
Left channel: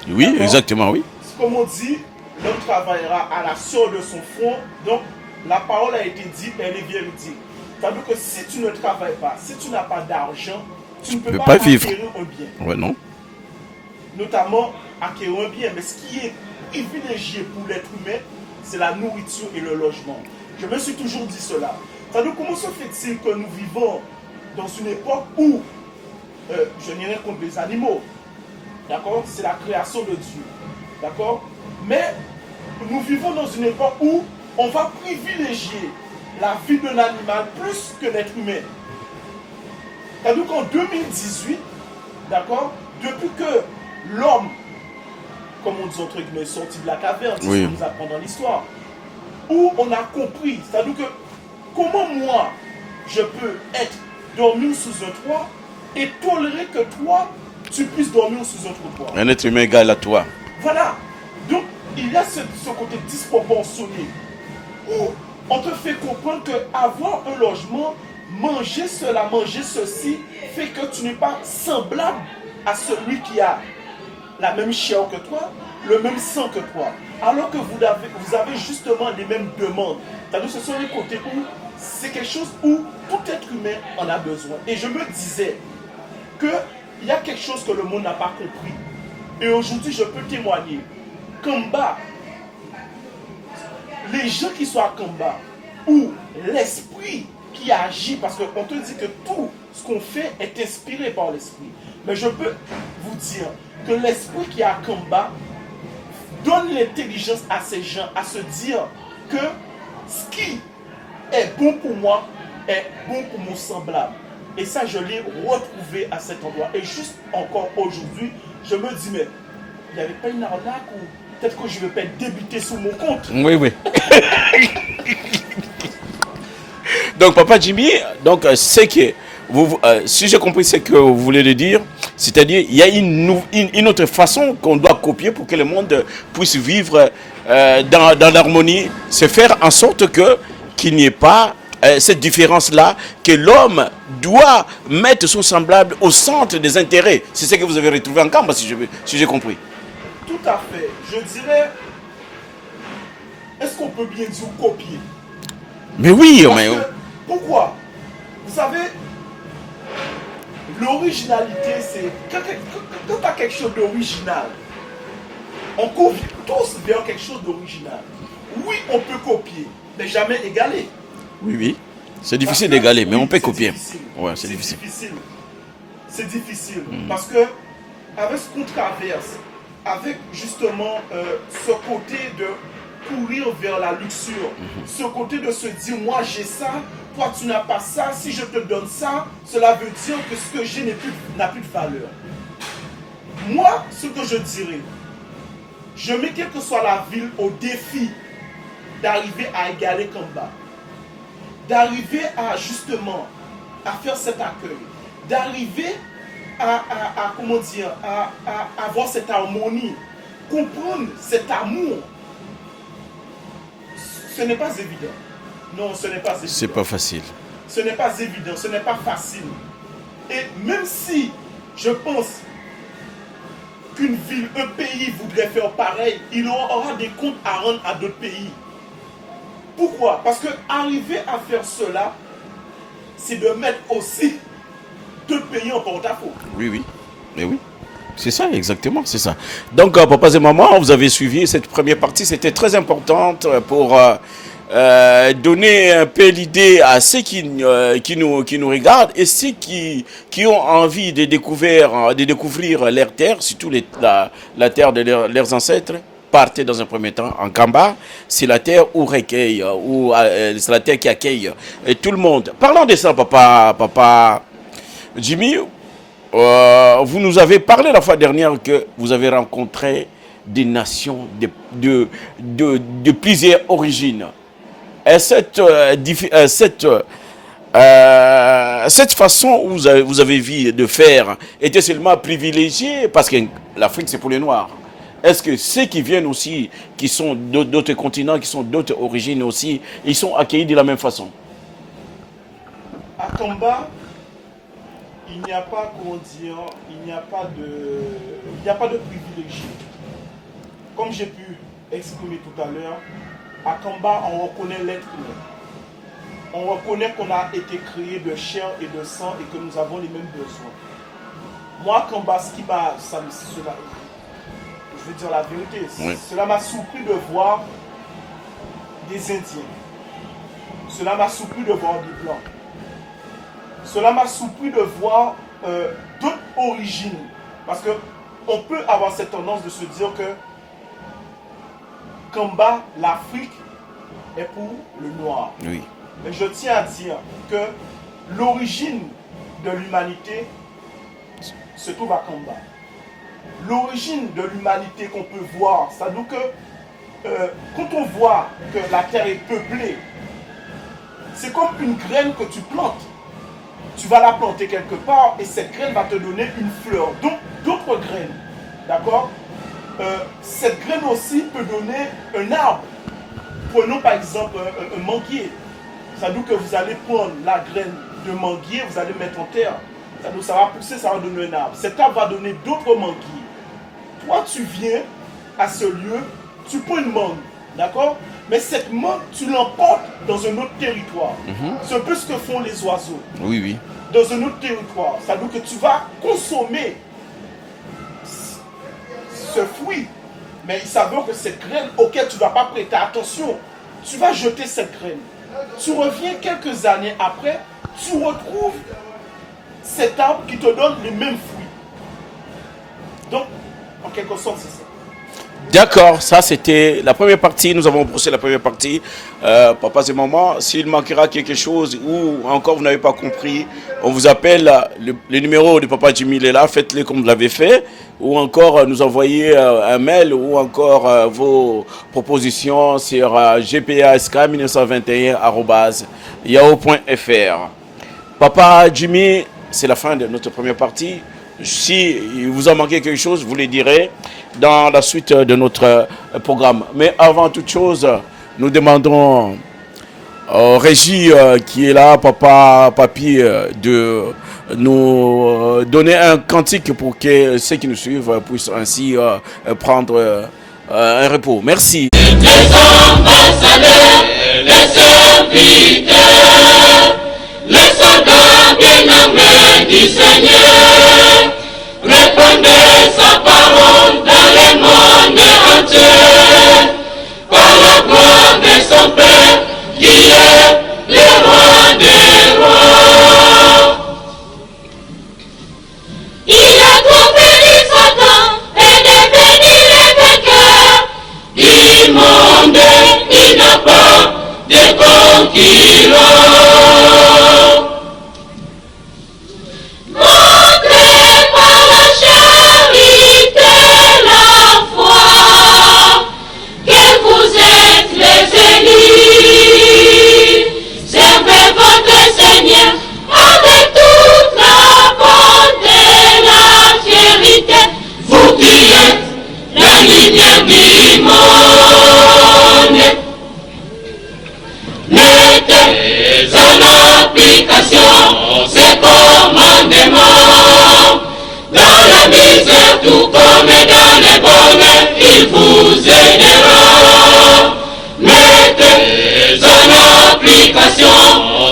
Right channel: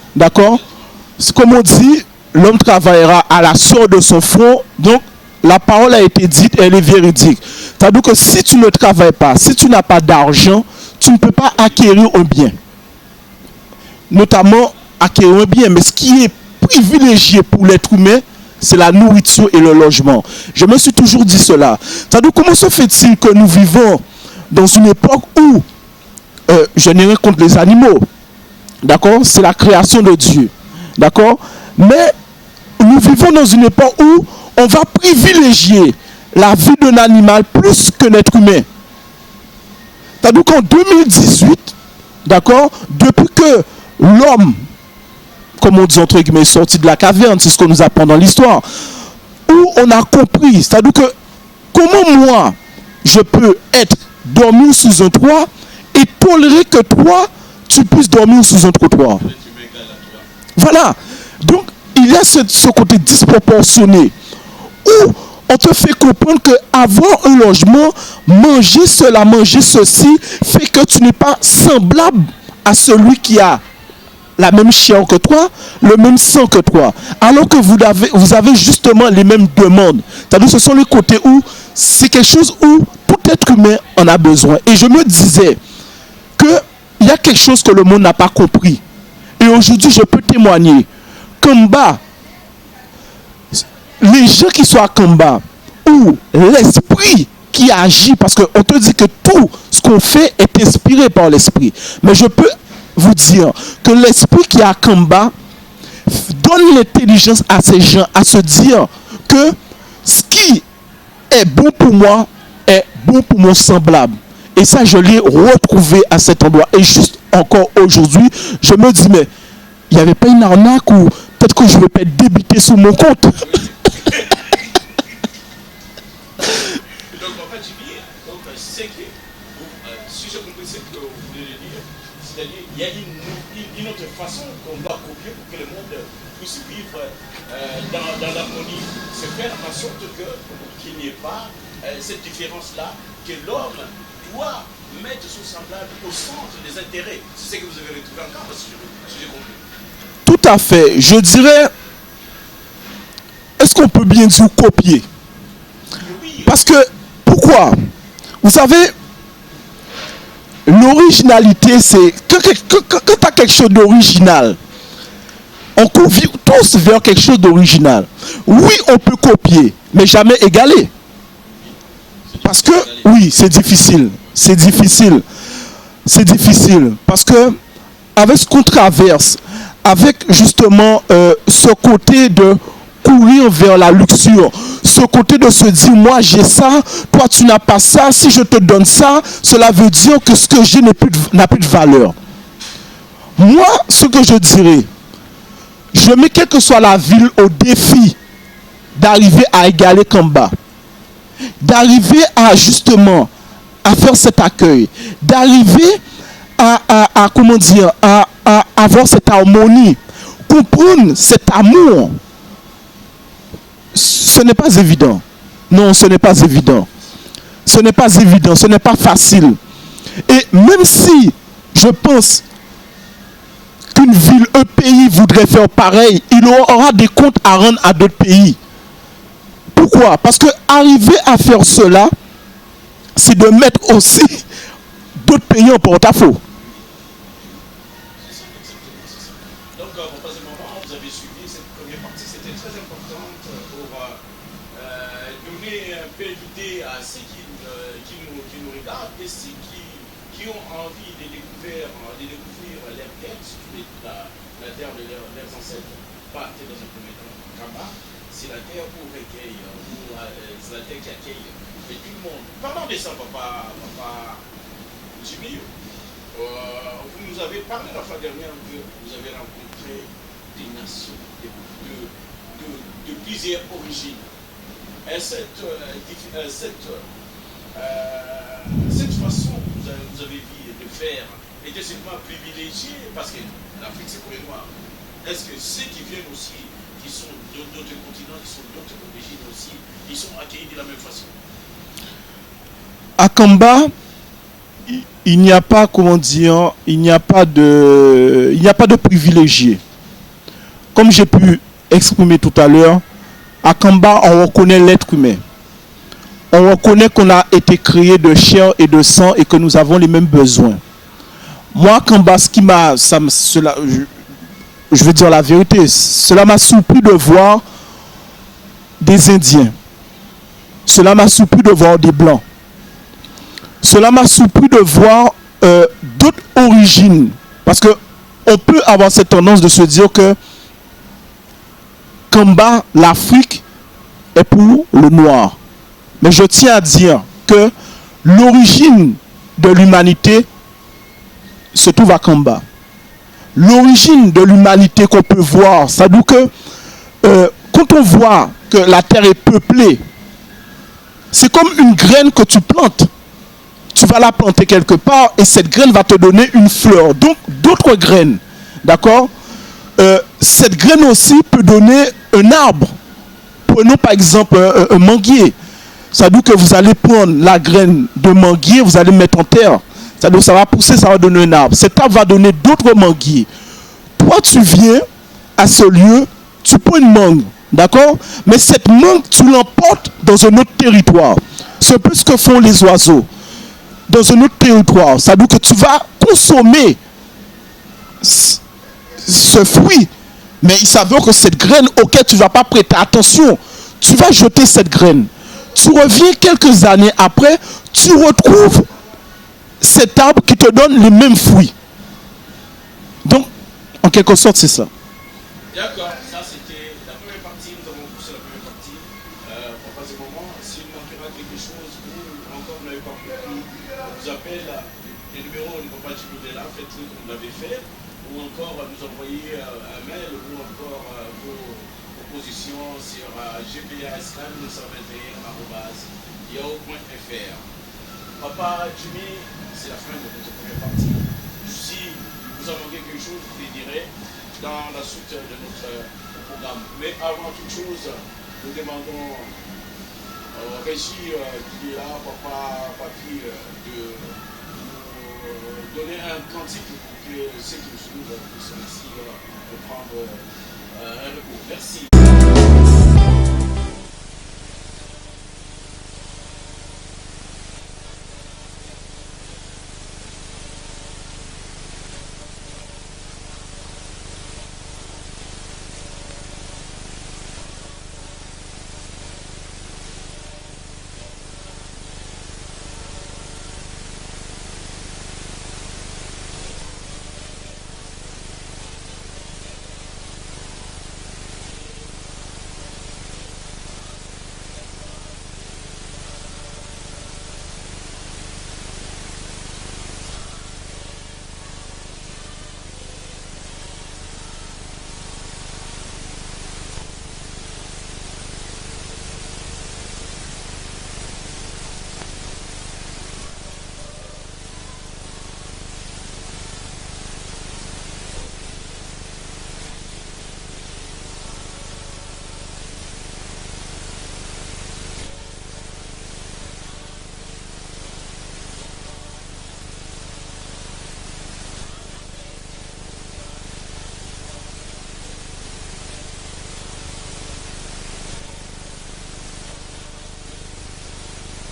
Oui, d'accord? Exactement, oui. C'est comme on dit, l'homme travaillera à la sueur de son front. Donc, la parole a été dite, elle est véridique. C'est-à-dire que si tu ne travailles pas, si tu n'as pas d'argent, tu ne peux pas acquérir un bien. Ouais, non. Notamment, acquérir un bien. Mais ce qui est privilégié pour l'être humain, c'est la nourriture et le logement. Je me suis toujours dit cela. C'est-à-dire, comment se fait-il que nous vivons dans une époque où je n'ai rien contre les animaux, d'accord? C'est la création de Dieu, d'accord? Mais nous vivons dans une époque où on va privilégier la vie d'un animal plus que l'être humain. C'est-à-dire qu'en 2018, d'accord, depuis que l'homme, comme on dit entre guillemets, est sorti de la caverne, c'est ce qu'on nous apprend dans l'histoire, où on a compris, c'est-à-dire que comment moi, je peux dormir sous un toit et tolérer que toi, tu puisses dormir sous un trottoir. Un être humain égal à toi. Voilà. Donc, il y a ce côté disproportionné où on te fait comprendre qu'avoir un logement, manger cela, manger ceci, fait que tu n'es pas semblable à celui qui a la même chair que toi, le même sang que toi. Alors que vous avez justement les mêmes demandes. C'est-à-dire ce sont les côtés où c'est quelque chose où tout être humain en a besoin. Et je me disais qu'il y a quelque chose que le monde n'a pas compris. Et aujourd'hui, je peux témoigner. Kamba, les gens qui sont à Kamba, où l'esprit qui agit, parce qu'on te dit que tout ce qu'on fait est inspiré par l'esprit. Mais je peux vous dire que l'esprit qui est à Kamba donne l'intelligence à ces gens à se dire que ce qui est bon pour moi bon pour mon semblable. Et ça, je l'ai retrouvé à cet endroit. Et juste encore aujourd'hui, je me dis, mais il n'y avait pas une arnaque ou peut-être que je ne vais pas être débité sur mon compte. Oui, oui. Donc, Papa Jimmy, donc, c'est que, si j'ai compris ce que vous voulez le dire, c'est-à-dire il y a une autre façon qu'on doit copier pour que le monde puisse vivre dans l'harmonie, c'est faire en sorte qu'il n'y ait pas cette différence-là, que l'homme doit mettre son semblable au centre des intérêts. C'est ce que vous avez retrouvé en Kamba, si j'ai compris. Tout à fait. Je dirais, est-ce qu'on peut bien dire copier? Mais oui. Parce que, pourquoi? Vous savez, l'originalité, c'est quand tu as quelque chose d'original, on court tous vers quelque chose d'original. Oui, on peut copier, mais jamais égaler. Oui, oui. C'est difficile d'égaler. Oui, c'est difficile. Ouais. C'est difficile. C'est difficile. Parce que, avec ce qu'on traverse, avec justement ce côté de courir vers la luxure, ce côté de se dire, moi j'ai ça, toi tu n'as pas ça, si je te donne ça, cela veut dire que ce que j'ai n'a plus de valeur. Moi, ce que je dirais, je mets quelle que soit la ville au défi d'arriver à égaler Kamba, d'arriver à justement à faire cet accueil, d'arriver à comment dire, à avoir cette harmonie, comprendre cet amour. Ce n'est pas évident. Non, ce n'est pas évident. Pas facile. Ce n'est pas évident, ce n'est pas facile. Et même si je pense qu'une ville, un pays voudrait faire pareil, il aura des comptes à rendre à d'autres pays. Pourquoi? Parce que arriver à faire cela, c'est de mettre aussi d'autres pays en porte-à-faux. Oui, oui. Mais oui. C'est ça, exactement, c'est ça. Donc, papas et mamans, vous avez suivi cette première partie. C'était très importante pour donner un peu l'idée à ceux qui nous regardent et ceux qui ont envie de découvrir leur terre, surtout la terre de leurs ancêtres. Partez dans un premier temps en Kamba. C'est la terre où recueille, c'est la terre qui accueille tout le monde. Parlons de ça, papa Jimmy. Vous nous avez parlé la fois dernière que vous avez rencontré des nations de plusieurs origines. Et cette façon où vous avez vu de faire était seulement privilégiée parce que l'Afrique c'est pour les Noirs. Est-ce que ceux qui viennent aussi, qui sont d'autres continents, qui sont d'autres origines aussi, ils sont accueillis de la même façon? À Kamba, il n'y a pas, comment dire, il n'y a pas de privilégiés. Comme j'ai pu exprimer tout à l'heure, à Kamba, on reconnaît l'être humain. On reconnaît qu'on a été créé de chair et de sang et que nous avons les mêmes besoins. Moi, à Kamba, je veux dire la vérité, oui. Cela m'a surpris de voir des Indiens. Cela m'a surpris de voir des Blancs. Cela m'a surpris de voir d'autres origines. Parce qu'on peut avoir cette tendance de se dire que Kamba, l'Afrique, est pour le noir. Oui. Mais je tiens à dire que l'origine de l'humanité se trouve à Kamba. L'origine de l'humanité qu'on peut voir, ça veut dire que quand on voit que la terre est peuplée, c'est comme une graine que tu plantes. Tu vas la planter quelque part et cette graine va te donner une fleur. Donc, d'autres graines. D'accord? Cette graine aussi peut donner un arbre. Prenons par exemple un manguier. Ça veut dire que vous allez prendre la graine de manguier, vous allez mettre en terre. Ça veut dire que ça va pousser, ça va donner un arbre. Cet arbre va donner d'autres manguiers. Toi, tu viens à ce lieu, tu prends une mangue. D'accord? Mais cette mangue, tu l'emportes dans un autre territoire. C'est un peu ce que font les oiseaux. Oui, oui. Dans un autre territoire. Ça veut dire que tu vas consommer ce fruit. Mais il s'avère que cette graine auquel tu ne vas pas prêter attention, tu vas jeter cette graine. Tu reviens quelques années après, tu retrouves cet arbre qui te donne les mêmes fruits. Donc, en quelque sorte, c'est ça. D'accord, ça c'était la première partie. Nous avons brossé la première partie. Papas et mamans, s'il manquera quelque chose ou encore vous n'avez pas compris, on vous appelle. Le numéro de Papa Jimmy il est là. Faites-le comme vous l'avez fait. Ou encore nous envoyer un mail ou encore vos propositions sur gpask1921@yahoo.fr. Papa Jimmy, c'est la fin de notre première partie. Si il vous a manqué quelque chose, vous le direz dans la suite de notre programme. Mais avant toute chose, nous demandons au Régie qui est là, Papi, de nous donner un cantique pour que ceux qui nous suivent puissent ainsi prendre un repos. Merci. Les ambassadeurs, les serviteurs, les soldats bien-aimés du Seigneur, répandez sa parole dans le monde entier, par la gloire de son Père, qui est le roi des rois. Il a compris Satan et devenu le vainqueur du monde, il n'a pas de concurrent. Montrez par la charité la foi que vous êtes les élus. Servez votre Seigneur avec toute la bonté et la vérité. Vous qui êtes la lumière du monde, mettez en application ces commandements. Dans la misère tout comme dans le bonheur, il vous aidera. Mettez en application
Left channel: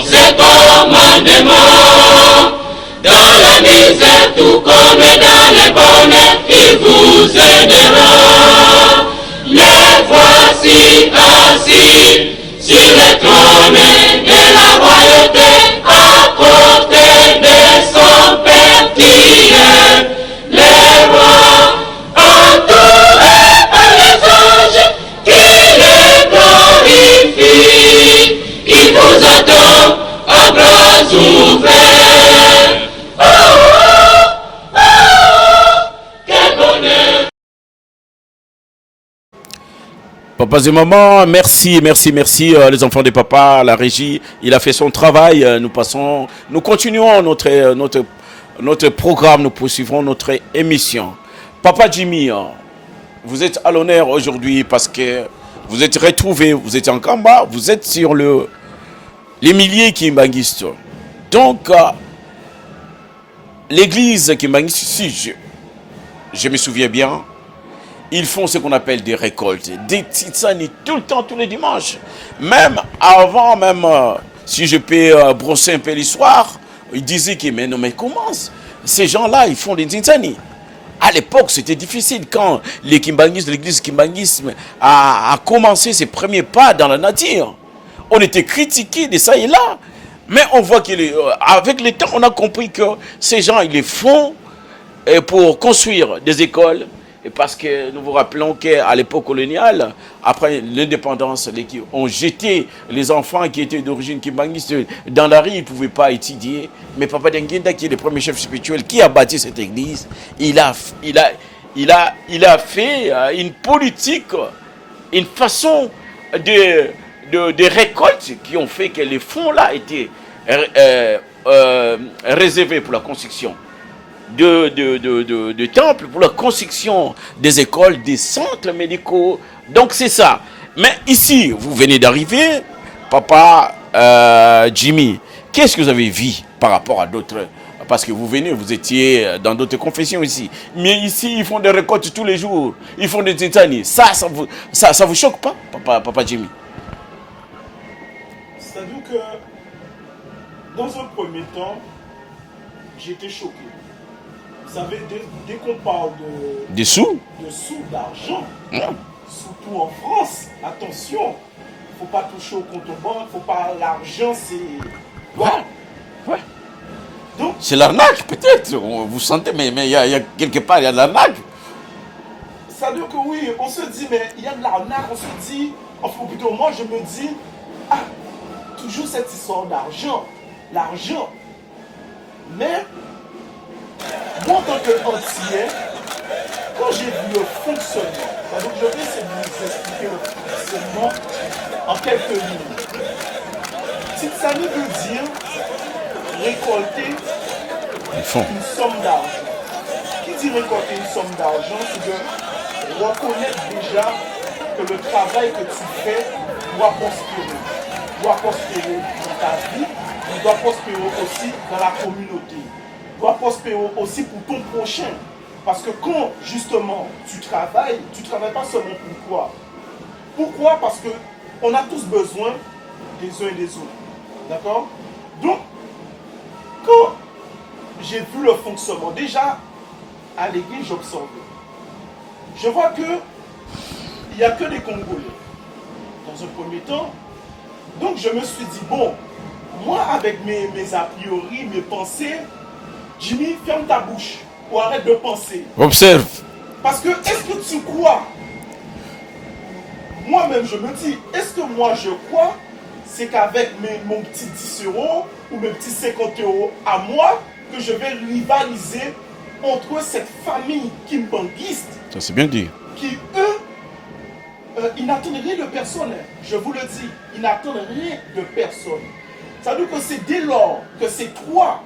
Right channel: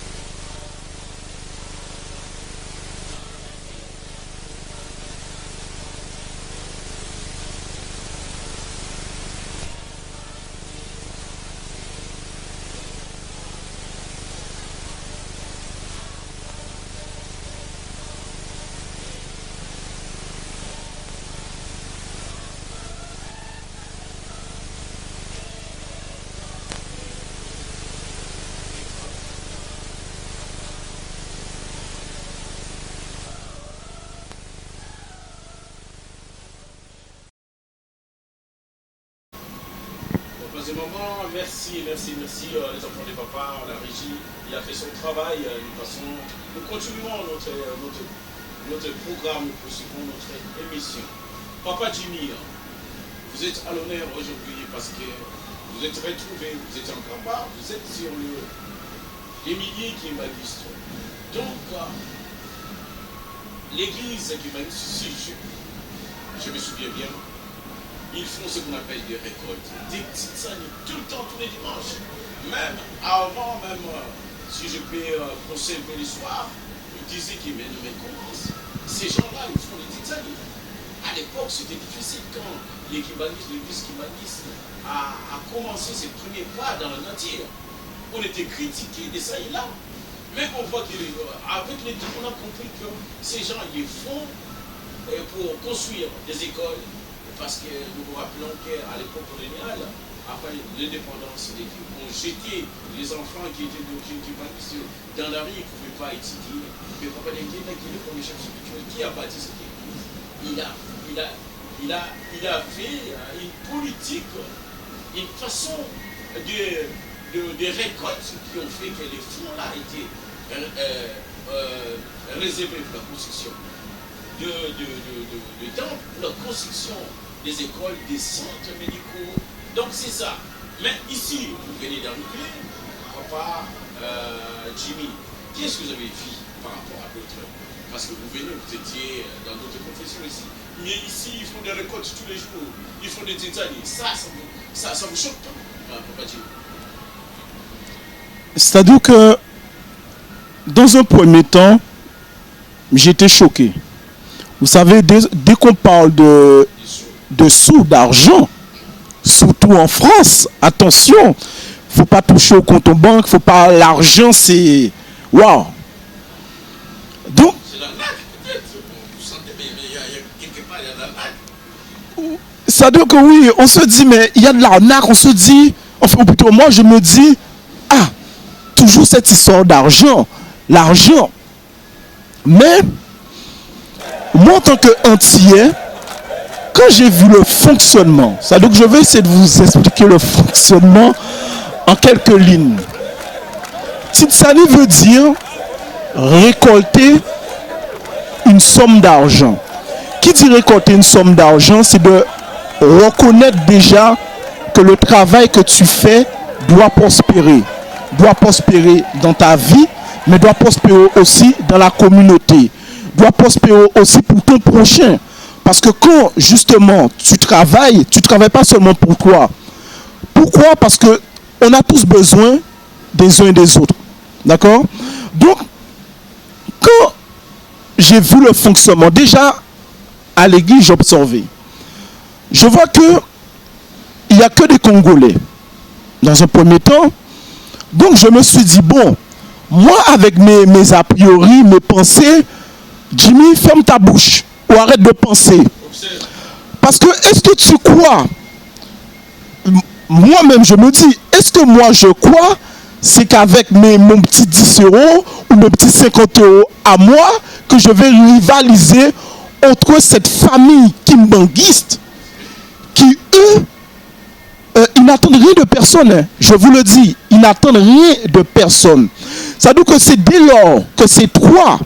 ces commandements. Dans la misère tout comme dans le bonheur, il vous aidera. Les voici assis sur le trône de la royauté, à côté de son Père qui est le roi, entouré par les anges qui les glorifient. Il vous attend à bras ouverts. Oh, oh, oh, quel bonheur! Papas et mamans, merci. Les enfants de papa, la régie, il a fait son travail. Nous continuons notre programme, nous poursuivrons notre émission. Papa Jimmy, vous êtes à l'honneur aujourd'hui parce que vous êtes retrouvé, vous êtes en Kamba, vous êtes sur les milliers kimbanguistes. Donc, l'église kimbanguiste, si je me souviens bien, ils font ce qu'on appelle des récoltes, des titsani tout le temps, tous les dimanches. Même avant, si je peux brosser un peu l'histoire, ils disaient que mais comment ces gens-là, ils font des titsani. À l'époque, c'était difficile quand l'église kimbanguisme a commencé ses premiers pas dans la nature. On était critiqués de ça et là. Mais on voit qu'avec le temps, on a compris que ces gens, ils les font pour construire des écoles. Et parce que nous vous rappelons qu'à l'époque coloniale, après l'indépendance, on jetait les enfants qui étaient d'origine kimbanguiste dans la rue, ils ne pouvaient pas étudier. Mais Papa Denguenda, qui est le premier chef spirituel qui a bâti cette église, il a fait une politique, une façon de récolte qui ont fait que les fonds-là étaient réservés pour la construction de temples, pour la construction des écoles, des centres médicaux. Donc c'est ça. Mais ici, vous venez d'arriver, Papa Jimmy, qu'est-ce que vous avez vu par rapport à d'autres? Parce que vous étiez dans d'autres confessions ici. Mais ici, ils font des récoltes tous les jours. Ils font des tétanies. Ça vous choque pas, Papa Jimmy? C'est-à-dire que, dans un premier temps, j'étais choqué. Vous savez, dès qu'on parle de sous, d'argent, surtout en France, attention, il ne faut pas toucher au compte en banque, faut pas, l'argent c'est... Waouh! Ouais. Donc, c'est l'arnaque peut-être, vous sentez, mais il y a quelque part, il y a de l'arnaque. Ça veut dire que oui, on se dit, mais il y a de l'arnaque, on se dit, enfin plutôt moi je me dis, ah, toujours cette histoire d'argent, l'argent. Mais, moi en tant qu'antillais, quand j'ai vu le fonctionnement, ça veut dire que je vais essayer de vous expliquer le fonctionnement en quelques lignes. Titsani veut dire récolter une somme d'argent. Qui dit récolter une somme d'argent, c'est de reconnaître déjà que le travail que tu fais doit prospérer dans ta vie, mais doit prospérer aussi dans la communauté, doit prospérer aussi pour ton prochain. Parce que quand justement tu travailles pas seulement pour toi. Pourquoi? Parce que on a tous besoin des uns et des autres. D'accord? Donc, quand j'ai vu le fonctionnement, déjà à l'église, j'observais. Je vois que il n'y a que des Congolais dans un premier temps. Donc je me suis dit, bon, moi avec mes a priori, mes pensées, Jimmy, ferme ta bouche ou arrête de penser. Observe. Parce que est-ce que tu crois, moi-même je me dis, est-ce que moi je crois, c'est qu'avec mon petit 10 euros ou mes petits 50 euros à moi, que je vais rivaliser entre cette famille kimbanguiste, Ça c'est bien dit. qui eux, ils n'attendent rien de personne. Hein. Je vous le dis, ils n'attendent rien de personne. Ça veut dire que c'est dès lors que c'est toi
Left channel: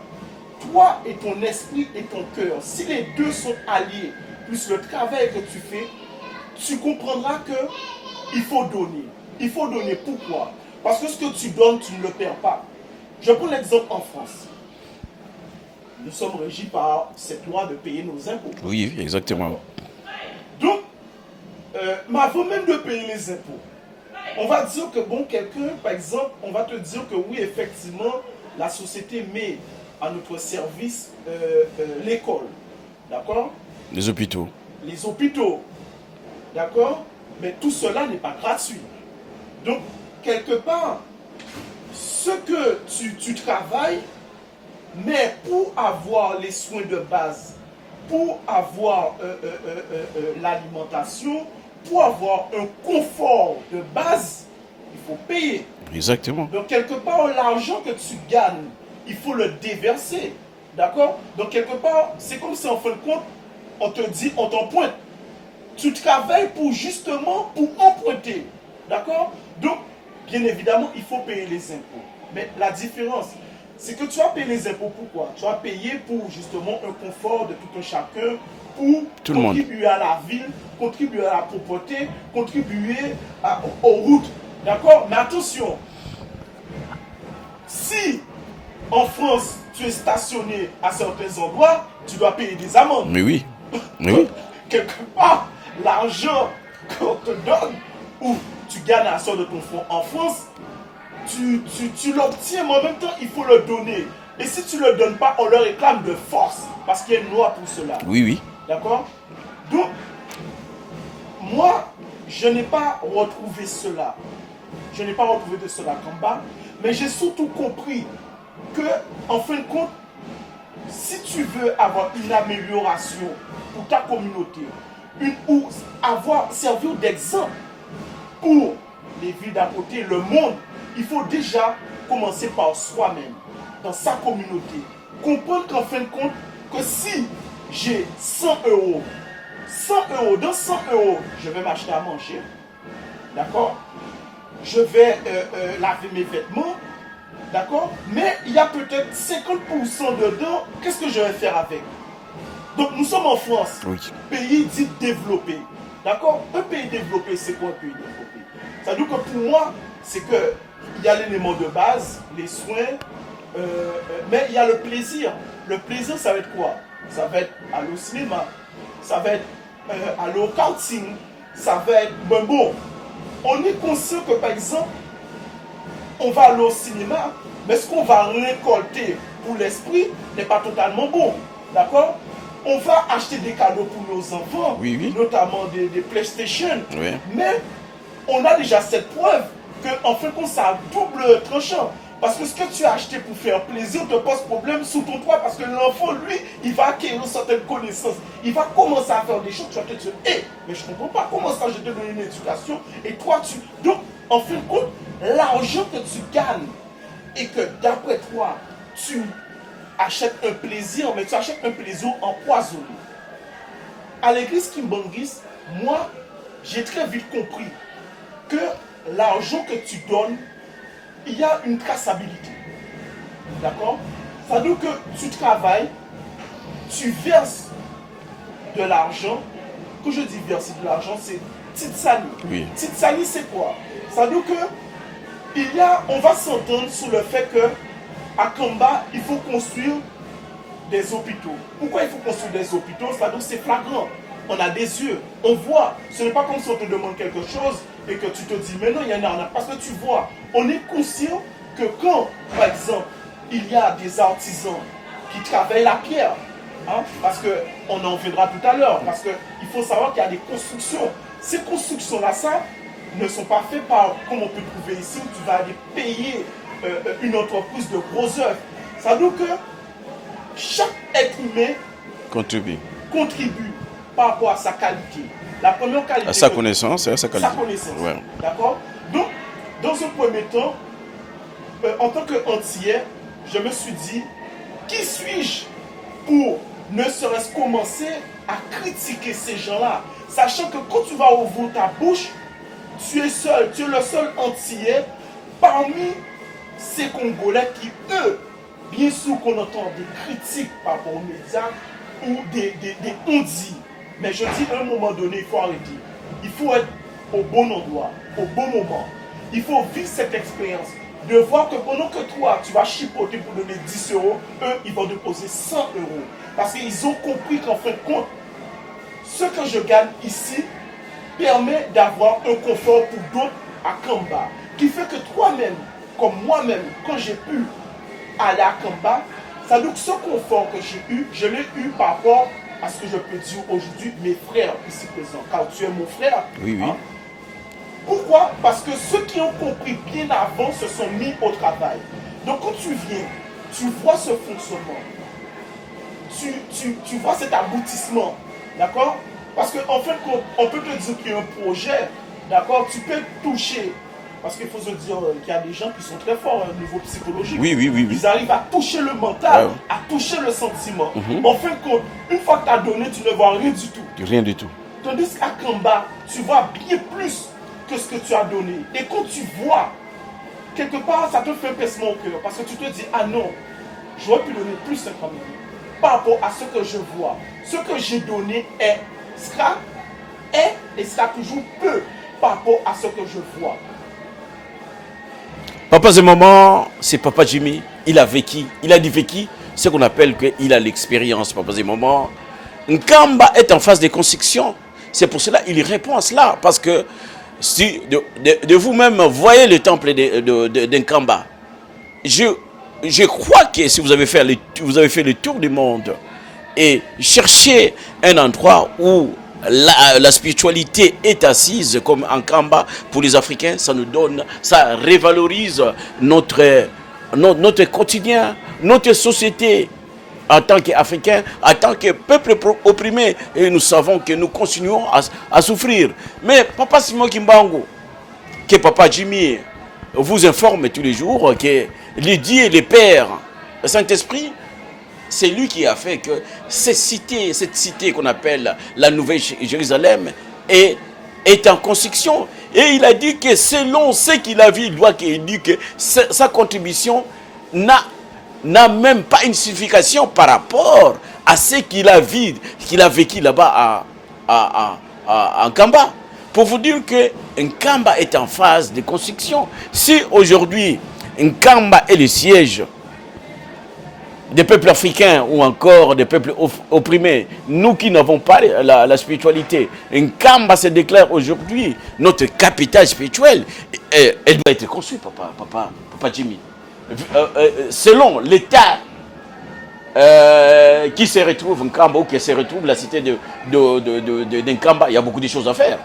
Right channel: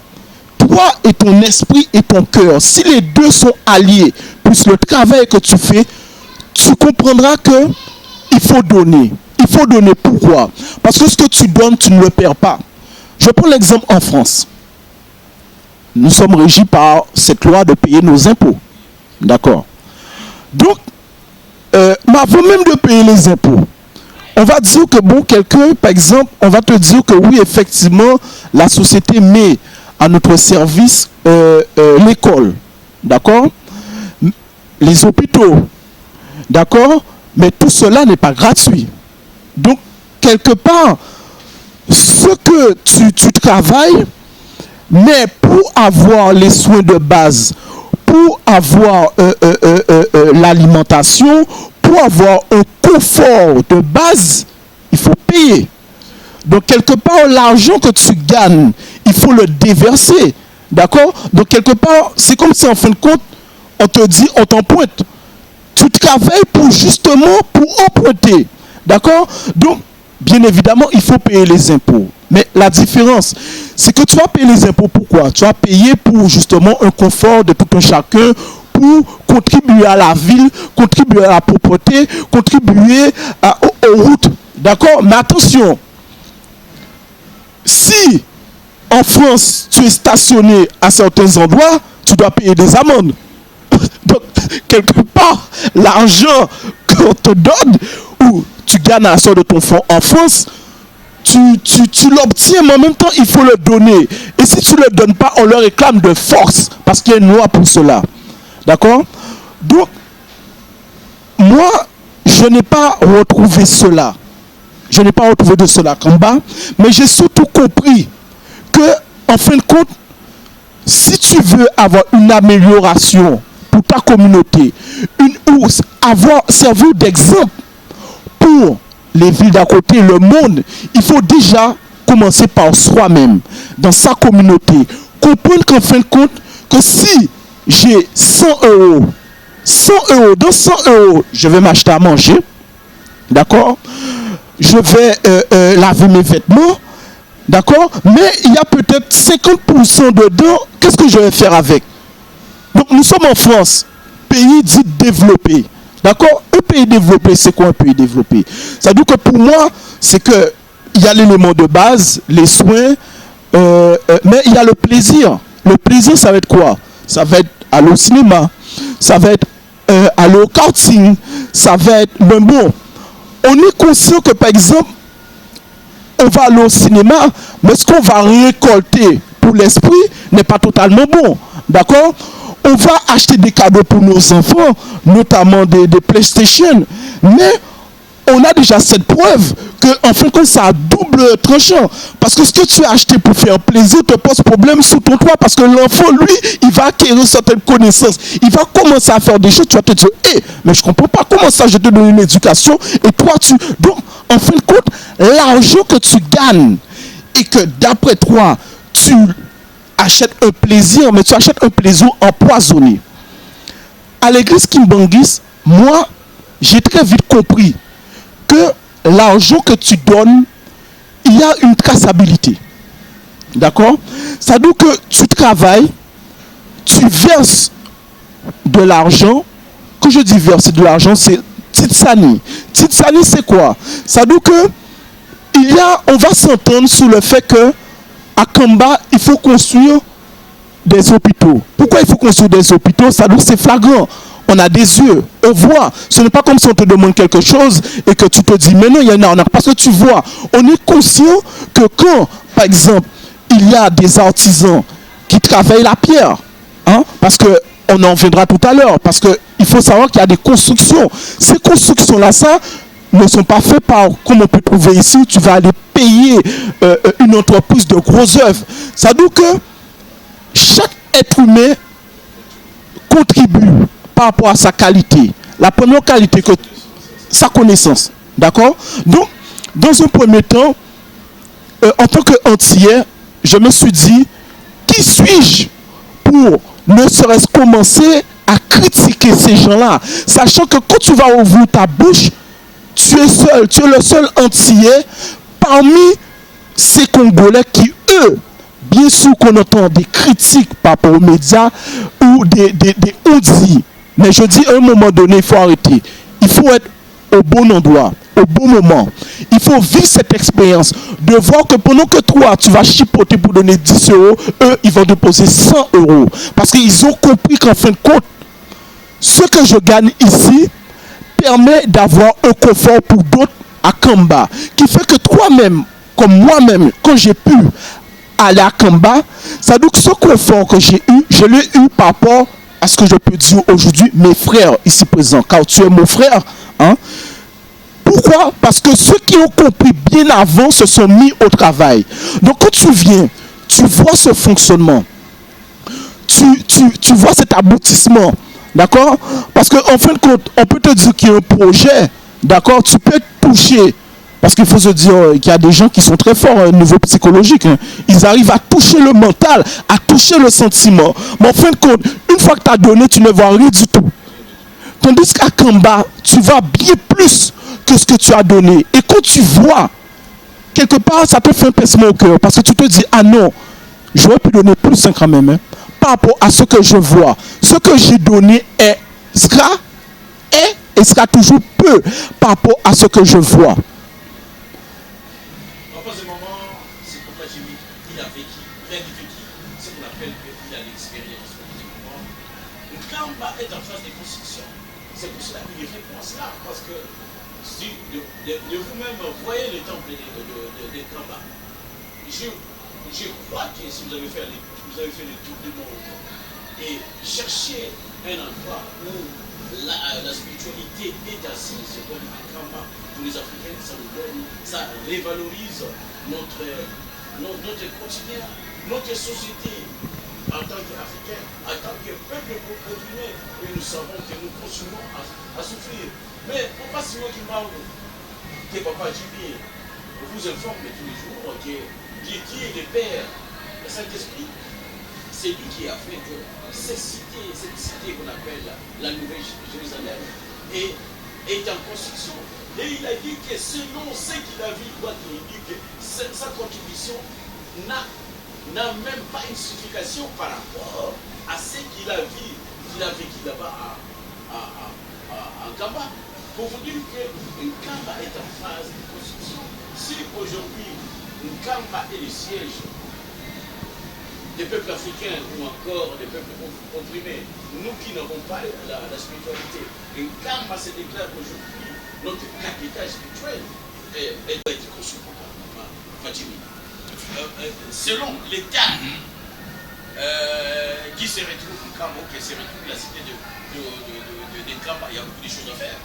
et ton esprit et ton cœur, si les deux sont alliés, plus le travail que tu fais, tu comprendras que il faut donner. Il faut donner. Pourquoi? Parce que ce que tu donnes, tu ne le perds pas. Je prends l'exemple en France. Nous sommes régis par cette loi de payer nos impôts. Oui, exactement. D'accord. Donc, mais avant même de payer les impôts, on va dire que, bon, quelqu'un, par exemple, on va te dire que oui, effectivement, la société met à notre service l'école. D'accord? Les hôpitaux. Les hôpitaux. D'accord? Mais tout cela n'est pas gratuit. Donc, quelque part, ce que tu travailles, mais pour avoir les soins de base, pour avoir l'alimentation, pour avoir un confort de base, il faut payer. Exactement. Donc, quelque part, l'argent que tu gagnes, il faut le déverser. D'accord? Donc, quelque part, c'est comme si, en fin de compte, on te dit, on t'emprunte. Tu travailles pour justement, pour emprunter. D'accord? Donc, bien évidemment, il faut payer les impôts. Mais la différence, c'est que tu vas payer les impôts pourquoi? Tu vas payer pour justement un confort de tout un chacun, pour contribuer à la ville, contribuer à la propreté, contribuer aux routes. D'accord? Mais attention, si en France, tu es stationné à certains endroits, tu dois payer des amendes. Mais oui. Donc, quelque part, l'argent qu'on te donne, ou tu gagnes à la sorte de ton fonds en France, tu l'obtiens, mais en même temps, il faut le donner. Et si tu ne le donnes pas, on le réclame de force, parce qu'il y a une loi pour cela. Oui, oui. D'accord? Donc, moi, je n'ai pas retrouvé cela. Je n'ai pas retrouvé de cela en bas, mais j'ai surtout compris que, en fin de compte, si tu veux avoir une amélioration pour ta communauté, ou servir d'exemple pour les villes d'à côté, le monde, il faut déjà commencer par soi-même, dans sa communauté. Comprendre qu'en fin de compte, que si j'ai 100 euros, dans 100 euros, je vais m'acheter à manger, d'accord? Je vais laver mes vêtements, d'accord? Mais il y a peut-être 50% dedans, qu'est-ce que je vais faire avec? Donc nous sommes en France, pays dit développé. D'accord? Un pays développé, c'est quoi un pays développé? Ça veut dire que pour moi, c'est que il y a l'élément de base, les soins, mais il y a le plaisir. Le plaisir, ça va être quoi? Ça va être aller au cinéma, ça va être aller au karting, ça va être le bon. On est conscient que par exemple, on va aller au cinéma, mais ce qu'on va récolter pour l'esprit n'est pas totalement bon. D'accord? On va acheter des cadeaux pour nos enfants, notamment des PlayStation. Mais on a déjà cette preuve que, en fin de compte, ça a double tranchant. Parce que ce que tu as acheté pour faire plaisir te pose problème sous ton toit. Parce que l'enfant, lui, il va acquérir certaines connaissances. Il va commencer à faire des choses. Tu vas te dire, mais je comprends pas comment ça, je te donne une éducation. Et toi, Donc, en fin de compte, l'argent que tu gagnes et que, d'après toi, tu achètes un plaisir, mais tu achètes un plaisir empoisonné. À l'église Kimbangis, moi, j'ai très vite compris que l'argent que tu donnes, il y a une traçabilité. D'accord? Ça veut dire que tu travailles, tu verses de l'argent. Quand je dis verser de l'argent, c'est Titsani. Titsani, c'est quoi? Ça veut dire que on va s'entendre sur le fait que à Kamba, il faut construire des hôpitaux. Pourquoi il faut construire des hôpitaux? Ça veut dire que c'est flagrant. On a des yeux, on voit. Ce n'est pas comme si on te demande quelque chose et que tu te dis, mais non, il y en a. Parce que tu vois, on est conscient que quand, par exemple, il y a des artisans qui travaillent la pierre, parce qu'on en viendra tout à l'heure, parce qu'il faut savoir qu'il y a des constructions. Ces constructions-là, ça, ne sont pas faites par, comme on peut trouver ici, tu vas aller payer une entreprise de grosses œuvres. Ça veut dire que chaque être humain contribue par rapport à sa qualité. La première qualité sa connaissance. Sa connaissance. Ouais. D'accord? Donc, dans un premier temps, en tant qu'antillais, je me suis dit, qui suis-je pour ne serait-ce commencer à critiquer ces gens-là, sachant que quand tu vas ouvrir ta bouche, tu es le seul antillais parmi ces Congolais qui, eux, bien sûr qu'on entend des critiques par rapport aux médias ou des on-dit. Mais je dis, à un moment donné, il faut arrêter. Il faut être au bon endroit, au bon moment. Il faut vivre cette expérience, de voir que pendant que toi, tu vas chipoter pour donner 10 €, eux, ils vont déposer 100 €. Parce qu'ils ont compris qu'en fin de compte, ce que je gagne ici permet d'avoir un confort pour d'autres à Kamba. Qui fait que toi-même, comme moi-même, quand j'ai pu aller à Kamba, ça veut dire que ce confort que j'ai eu, je l'ai eu par rapport à ce que je peux dire aujourd'hui, mes frères ici présents, car tu es mon frère. Pourquoi? Parce que ceux qui ont compris bien avant se sont mis au travail. Donc quand tu viens, tu vois ce fonctionnement, tu vois cet aboutissement, d'accord? Parce qu'en fin de compte, on peut te dire qu'il y a un projet, d'accord? Tu peux toucher. Parce qu'il faut se dire qu'il y a des gens qui sont très forts au niveau psychologique. Oui. Ils arrivent à toucher le mental, à toucher le sentiment. Mais en fin de compte, une fois que tu as donné, tu ne vois rien du tout. Rien du tout. Tandis qu'à Kamba, tu vas bien plus que ce que tu as donné. Et quand tu vois, quelque part, ça te fait un pincement au cœur. Parce que tu te dis, ah non, j'aurais pu donner plus quand même. Par rapport à ce que je vois. Ce que j'ai donné sera toujours peu par rapport à ce que je vois. Papa Zemaman, c'est Papa Jimmy, il a vécu ce qu'on appelle qu'il a l'expérience. Papa Zemaman, Nkamba est en phase de construction. C'est pour cela qu'il répond à cela. Parce que si de vous-même voyez le temple de Nkamba, je crois que si vous avez fait le tour du monde et cherchez un endroit où la spiritualité est assise comme en Kamba pour les Africains, ça révalorise notre quotidien, notre société en tant qu'Africains, en tant que peuple opprimé. Et nous savons que nous continuons à souffrir. Mais Papa Simon Kimbangu, que Papa Jimmy vous informe tous les jours que les dieux et les pères, le Saint-Esprit, c'est lui qui a fait que cette cité qu'on appelle la Nouvelle Jérusalem est en construction. Et il a dit que selon ce qu'il a vu, il dit que sa contribution n'a même pas une signification par rapport à ce qu'il a vécu là-bas en Kamba. Pour vous dire que Nkamba est en phase de construction. Si aujourd'hui Nkamba est le siège des peuples africains ou encore des peuples opprimés, nous qui n'avons pas la spiritualité, Nkamba se déclare aujourd'hui notre capitale spirituelle. Elle doit être construite, Papa Jimmy. Selon l'état qui se retrouve Nkamba ou qui se retrouve la cité de Nkamba, il y a beaucoup de choses à faire.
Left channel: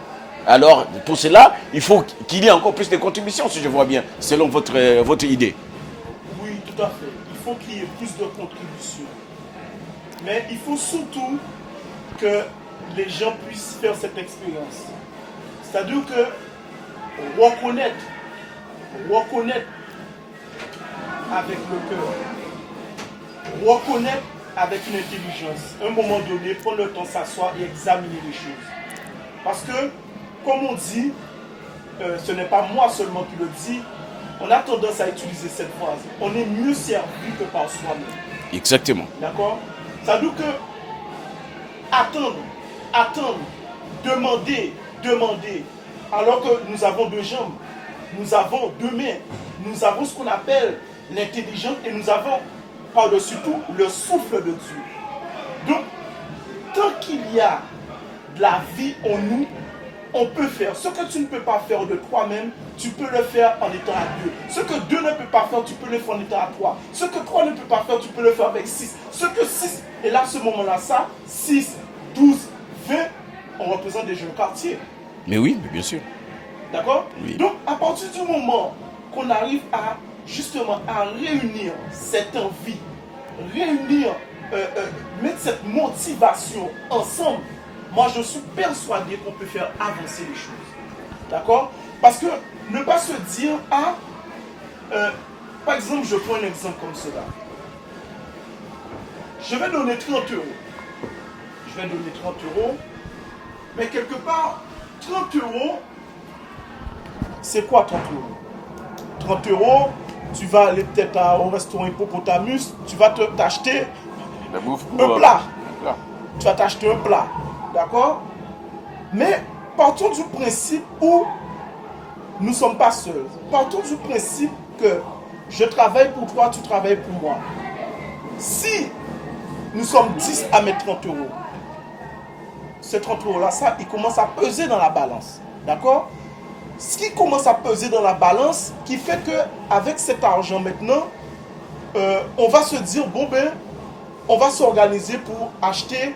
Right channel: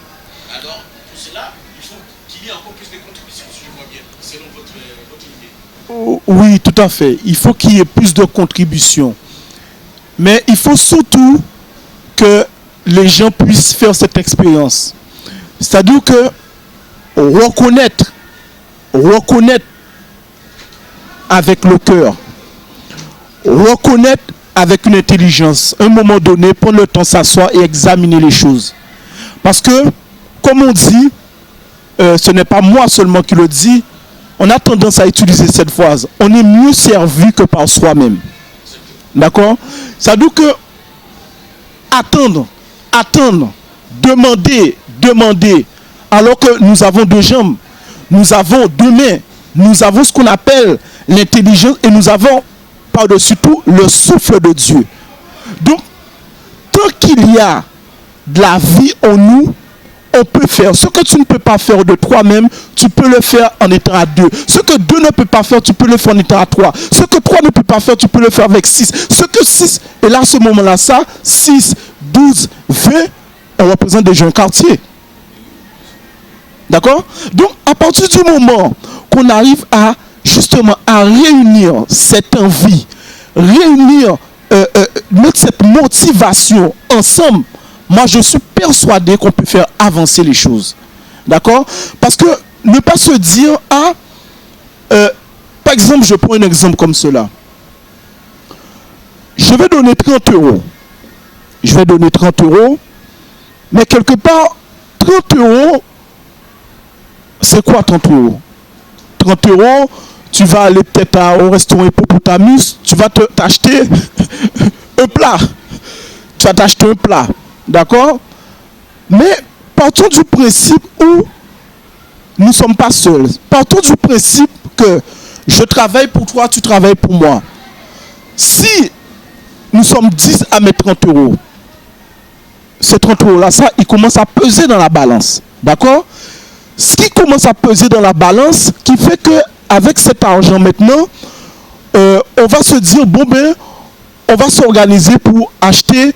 Alors, pour cela, il faut qu'il y ait encore plus de contributions, si je vois bien, selon votre idée. Oui, tout à fait. Il faut qu'il y ait plus de contributions. Mais il faut surtout que les gens puissent faire cette expérience. C'est-à-dire que reconnaître avec le cœur, reconnaître avec une intelligence, à un moment donné, prendre le temps de s'asseoir et examiner les choses. Parce que, comme on dit, ce n'est pas moi seulement qui le dis, on a tendance à utiliser cette phrase. On est mieux servi que par soi-même. Exactement. D'accord? Ça veut dire que attendre, demander, alors que nous avons deux jambes, nous avons deux mains, nous avons ce qu'on appelle l'intelligence et nous avons par-dessus tout le souffle de Dieu. Donc, tant qu'il y a de la vie en nous, on peut faire. Ce que tu ne peux pas faire de toi-même, tu peux le faire en étant à deux. Ce que deux ne peut pas faire, tu peux le faire en étant à trois. Ce que trois ne peut pas faire, tu peux le faire avec 6. Ce que 6, et là, à ce moment-là, ça, 6, 12, 20, on représente déjà un quartier. Mais oui, bien sûr. D'accord? Donc, à partir du moment qu'on arrive à, justement, à réunir cette envie, mettre cette motivation ensemble, moi, je suis persuadé qu'on peut faire avancer les choses. D'accord? Parce que ne pas se dire, par exemple, je prends un exemple comme cela. Je vais donner 30 euros. Je vais donner 30 euros. Mais quelque part, 30 euros, c'est quoi 30 euros? 30 euros, tu vas aller peut-être au restaurant Hippopotamus, tu vas t'acheter un plat. Tu vas t'acheter un plat. D'accord? Mais partons du principe où nous ne sommes pas seuls. Partons du principe que je travaille pour toi, tu travailles pour moi. Si nous sommes 10 à mettre 30 euros, ces 30 euros-là, ça, il commence à peser dans la balance. D'accord? Ce qui commence à peser dans la balance, qui fait qu'avec cet argent maintenant, on va se dire, bon ben, on va s'organiser pour acheter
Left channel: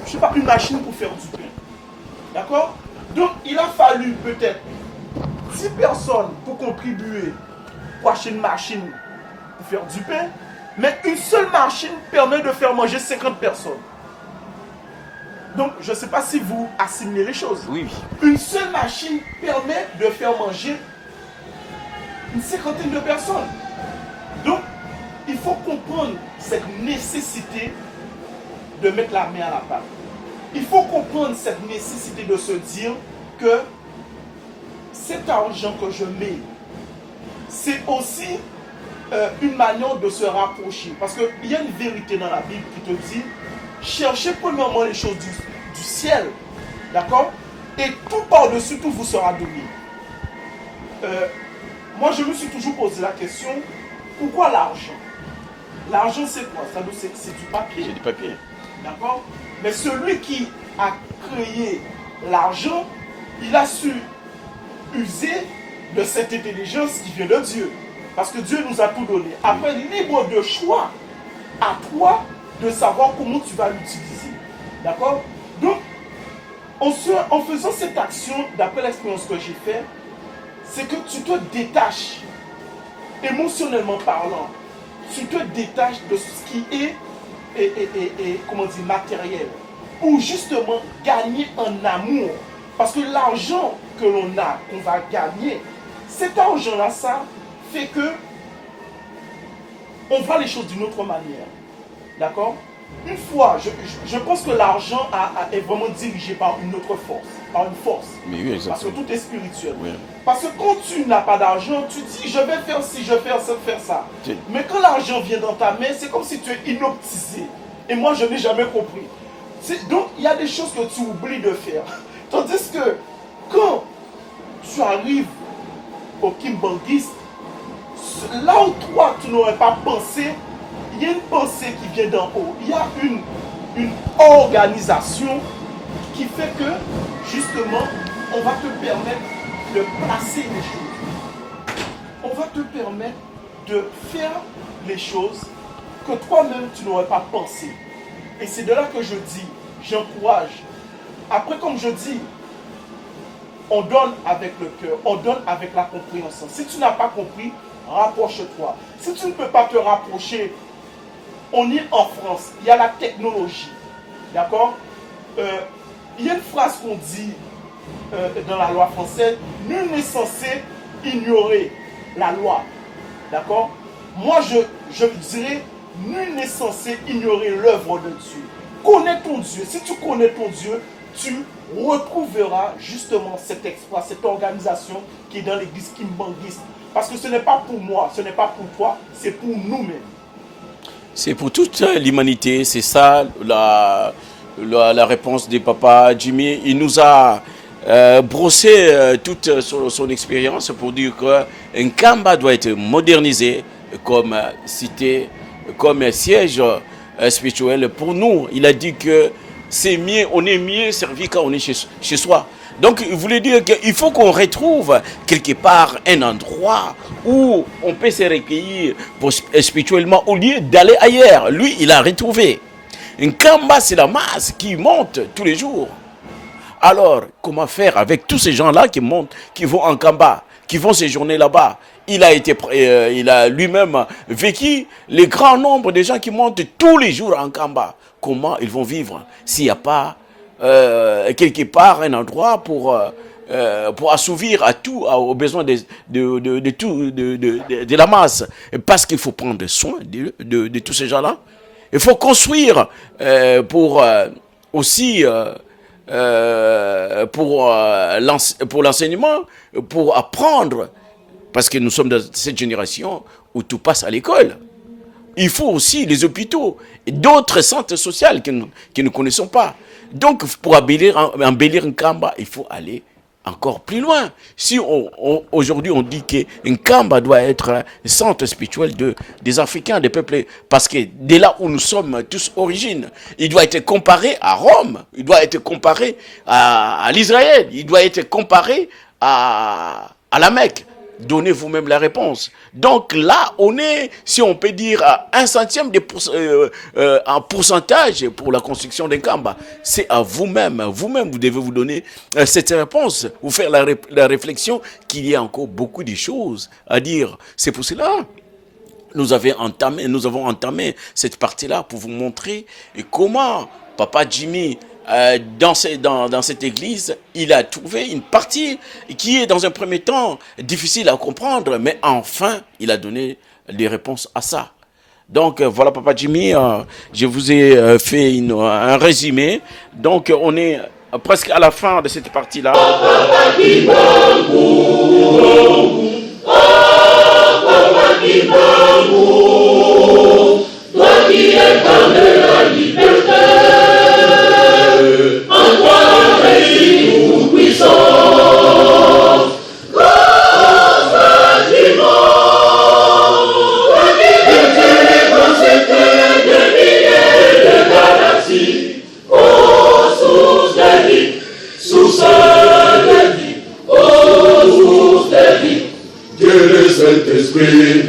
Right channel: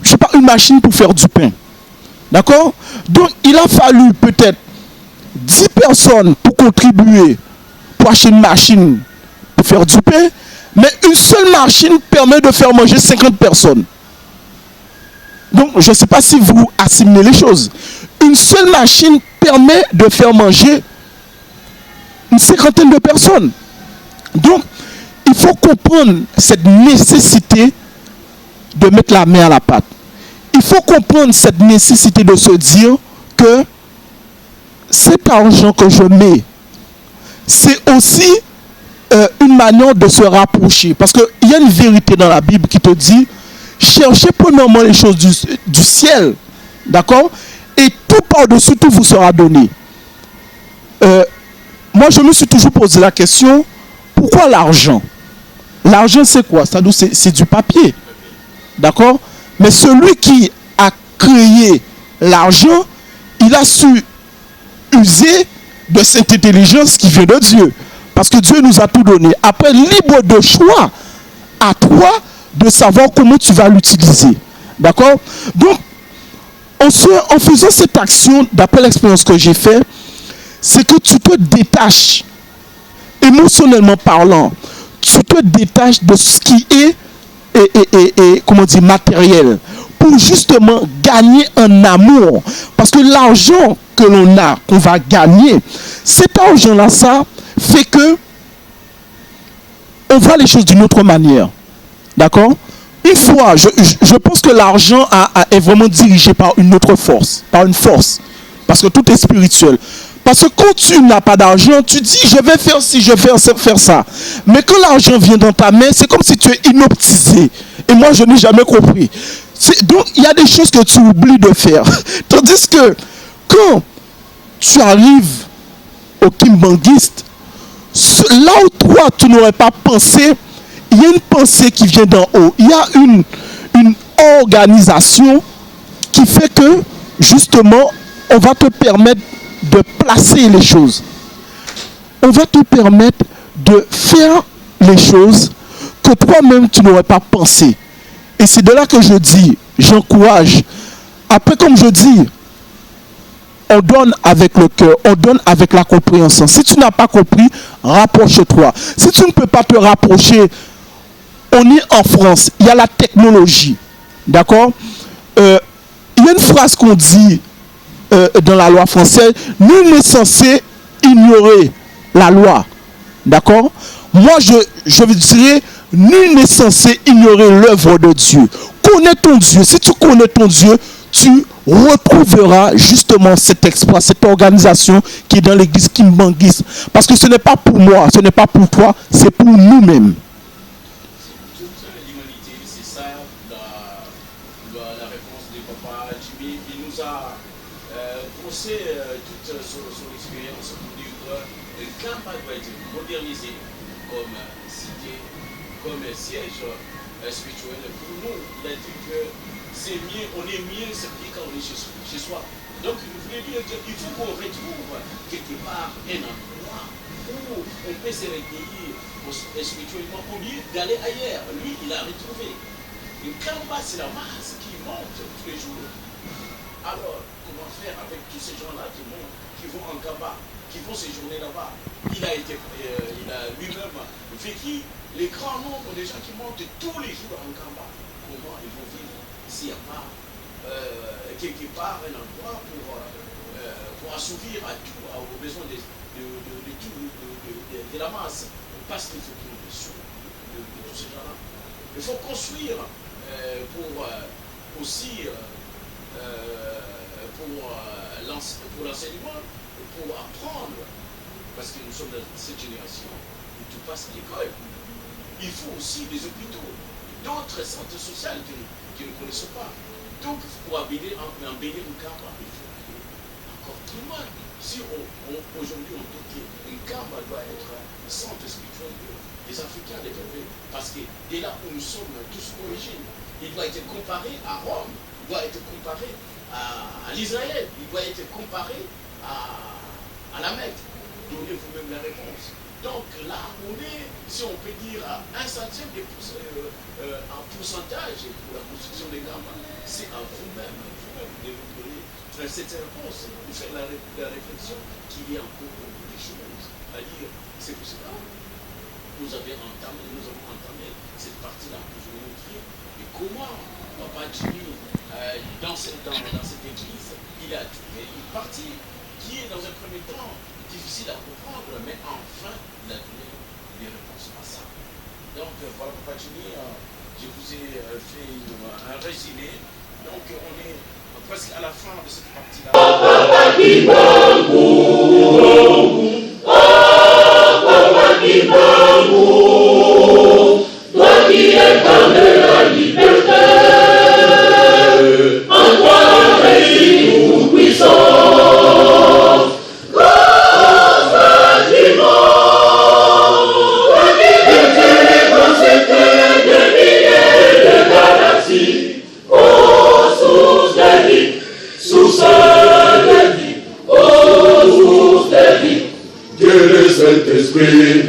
je sais pas, une machine pour faire du pain. D'accord? Donc, il a fallu peut-être 10 personnes pour contribuer pour acheter une machine pour faire du pain, mais une seule machine permet de faire manger 50 personnes. Donc, je ne sais pas si vous assimilez les choses. Une seule machine permet de faire manger une cinquantaine de personnes. Donc, il faut comprendre cette nécessité de mettre la main à la pâte. Il faut comprendre cette nécessité de se dire que cet argent que je mets, c'est aussi une manière de se rapprocher. Parce qu'il y a une vérité dans la Bible qui te dit, cherchez premièrement les choses du ciel, d'accord? Et tout par-dessus tout vous sera donné. Moi, je me suis toujours posé la question, pourquoi l'argent? L'argent, c'est quoi? C'est du papier. D'accord? Mais celui qui a créé l'argent, il a su user de cette intelligence qui vient de Dieu. Parce que Dieu nous a tout donné. Après, libre de choix à toi de savoir comment tu vas l'utiliser. D'accord? Donc, en faisant cette action, d'après l'expérience que j'ai faite, c'est que tu te détaches, émotionnellement parlant, tu te détaches de ce qui est comment dire, matériel, pour justement gagner en amour. Parce que l'argent que l'on a, qu'on va gagner, cet argent-là, ça fait que on voit les choses d'une autre manière. D'accord? Une fois, je pense que l'argent est vraiment dirigé par une autre force, par une force. Parce que tout est spirituel. Parce que quand tu n'as pas d'argent, tu dis je vais faire ci, je vais faire ça. Mais quand l'argent vient dans ta main, c'est comme si tu es inoptisé. Et moi, je n'ai jamais compris. Donc, il y a des choses que tu oublies de faire. Tandis que quand tu arrives au kimbanguiste, là où toi, tu n'aurais pas pensé, il y a une pensée qui vient d'en haut. Il y a une organisation qui fait que, justement, on va te permettre de placer les choses. On va te permettre de faire les choses que toi-même tu n'aurais pas pensé. Et c'est de là que je dis, j'encourage. Après, comme je dis, on donne avec le cœur, on donne avec la compréhension. Si tu n'as pas compris, rapproche-toi. Si tu ne peux pas te rapprocher, on est en France, il y a la technologie. D'accord? Il y a une phrase qu'on dit dans la loi française, nul n'est censé ignorer la loi. D'accord? Moi, je dirais, nul n'est censé ignorer l'œuvre de Dieu. Connais ton Dieu. Si tu connais ton Dieu, tu retrouveras justement cet exploit, cette organisation qui est dans l'église Kimbanguiste. Parce que ce n'est pas pour moi, ce n'est pas pour toi, c'est pour nous-mêmes. C'est pour toute l'humanité, c'est ça la réponse du papa Jimmy. Il nous a brossé toute son expérience pour dire que Nkamba doit être modernisé comme cité, comme siège spirituel. Pour nous, il a dit que c'est mieux, on est mieux servi quand on est chez soi. Donc, il voulait dire qu'il faut qu'on retrouve quelque part un endroit où on peut se recueillir spirituellement au lieu d'aller ailleurs. Lui, il a retrouvé. Nkamba, c'est la masse qui monte tous les jours. Alors, comment faire avec tous ces gens-là qui montent, qui vont en Nkamba, qui vont séjourner là-bas? Il a lui-même vécu le grand nombre de gens qui montent tous les jours en Nkamba. Comment ils vont vivre s'il n'y a pas quelque part un endroit pour assouvir aux besoins de la masse? Parce qu'il faut prendre soin de tous ces gens-là. Il faut construire pour l'enseignement, pour apprendre. Parce que nous sommes dans cette génération où tout passe à l'école. Il faut aussi les hôpitaux et d'autres centres sociaux que nous ne connaissons pas. Donc, pour embellir Nkamba, il faut aller encore plus loin. Si aujourd'hui on dit que Nkamba doit être un centre spirituel des Africains, des peuples, parce que dès là où nous sommes tous origines, il doit être comparé à Rome, il doit être comparé à l'Israël, il doit être comparé à la Mecque. Donnez vous-même la réponse. Donc là, on est, si on peut dire, à 1/100 en pourcentage pour la construction d'un Nkamba. C'est à vous-même. Vous-même, vous devez vous donner cette réponse. Vous faire la réflexion qu'il y a encore beaucoup de choses à dire. C'est pour cela nous avons entamé cette partie-là pour vous montrer comment Papa Jimmy, dans cette église, il a trouvé une partie qui est dans un premier temps difficile à comprendre, mais enfin, il a donné des réponses à ça. Donc voilà, Papa Jimmy, je vous ai fait un résumé. Donc on est presque à la fin de cette partie-là. Saint-Esprit.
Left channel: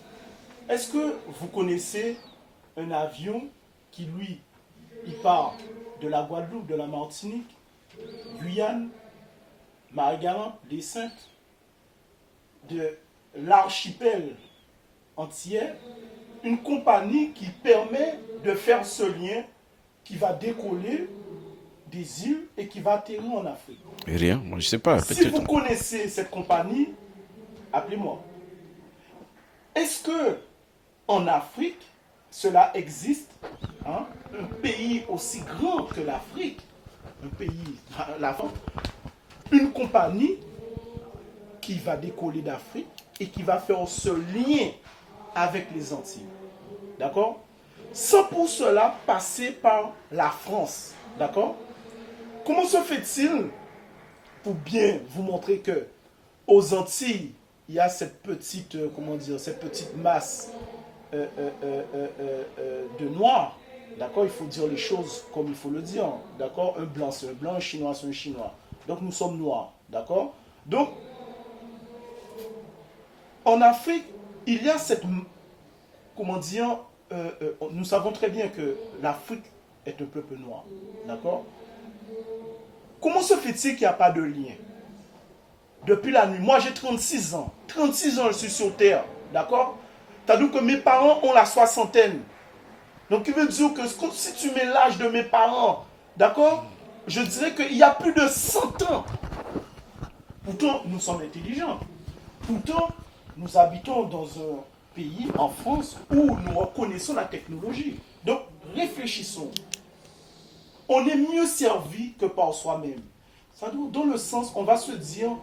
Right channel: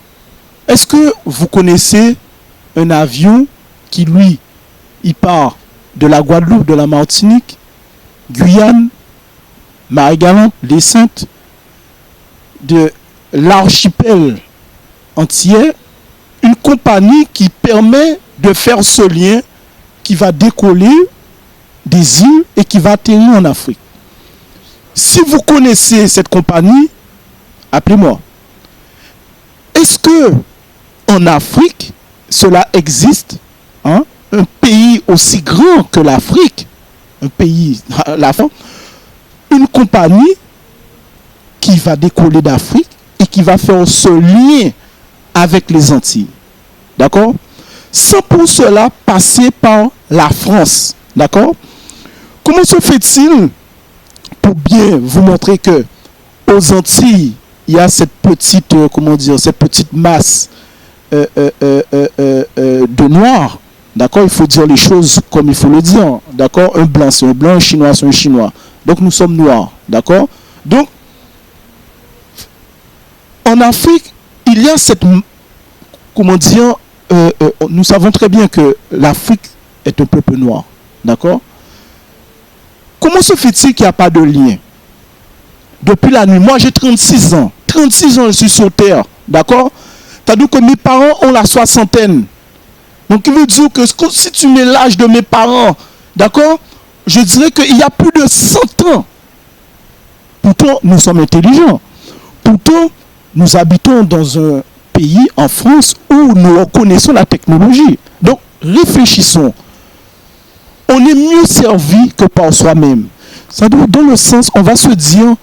Est-ce que vous connaissez un avion qui, lui, il part de la Guadeloupe, de la Martinique, Guyane, Marie-Galante, les Saintes, de l'archipel entier, une compagnie qui permet de faire ce lien qui va décoller des îles et qui va atterrir en Afrique. Rien, je sais pas. Si vous connaissez cette compagnie, appelez-moi. Est-ce que en Afrique, cela existe, hein? Un pays aussi grand que l'Afrique, un pays, une compagnie qui va décoller d'Afrique et qui va faire ce lien avec les Antilles. D'accord? Sans pour cela passer par la France. D'accord? Comment se fait-il, pour bien vous montrer que aux Antilles, il y a cette petite, cette petite masse de noirs. D'accord? Il faut dire les choses comme il faut le dire. D'accord? Un blanc, c'est un blanc, un chinois, c'est un chinois. Donc nous sommes noirs. D'accord? Donc, en Afrique, il y a cette, nous savons très bien que l'Afrique est un peuple noir. D'accord? Comment se fait-il qu'il n'y a pas de lien? Depuis la nuit, moi j'ai 36 ans. 36 ans, je suis sur Terre. D'accord? C'est-à-dire que mes parents ont la soixantaine. Donc, il veut dire que si tu mets l'âge de mes parents, d'accord, je dirais qu'il y a plus de 100 ans. Pourtant, nous sommes intelligents. Pourtant, nous habitons dans un pays, en France, où nous reconnaissons la technologie. Donc, réfléchissons. On est mieux servi que par soi-même. C'est-à-dire, dans le sens, on va se dire,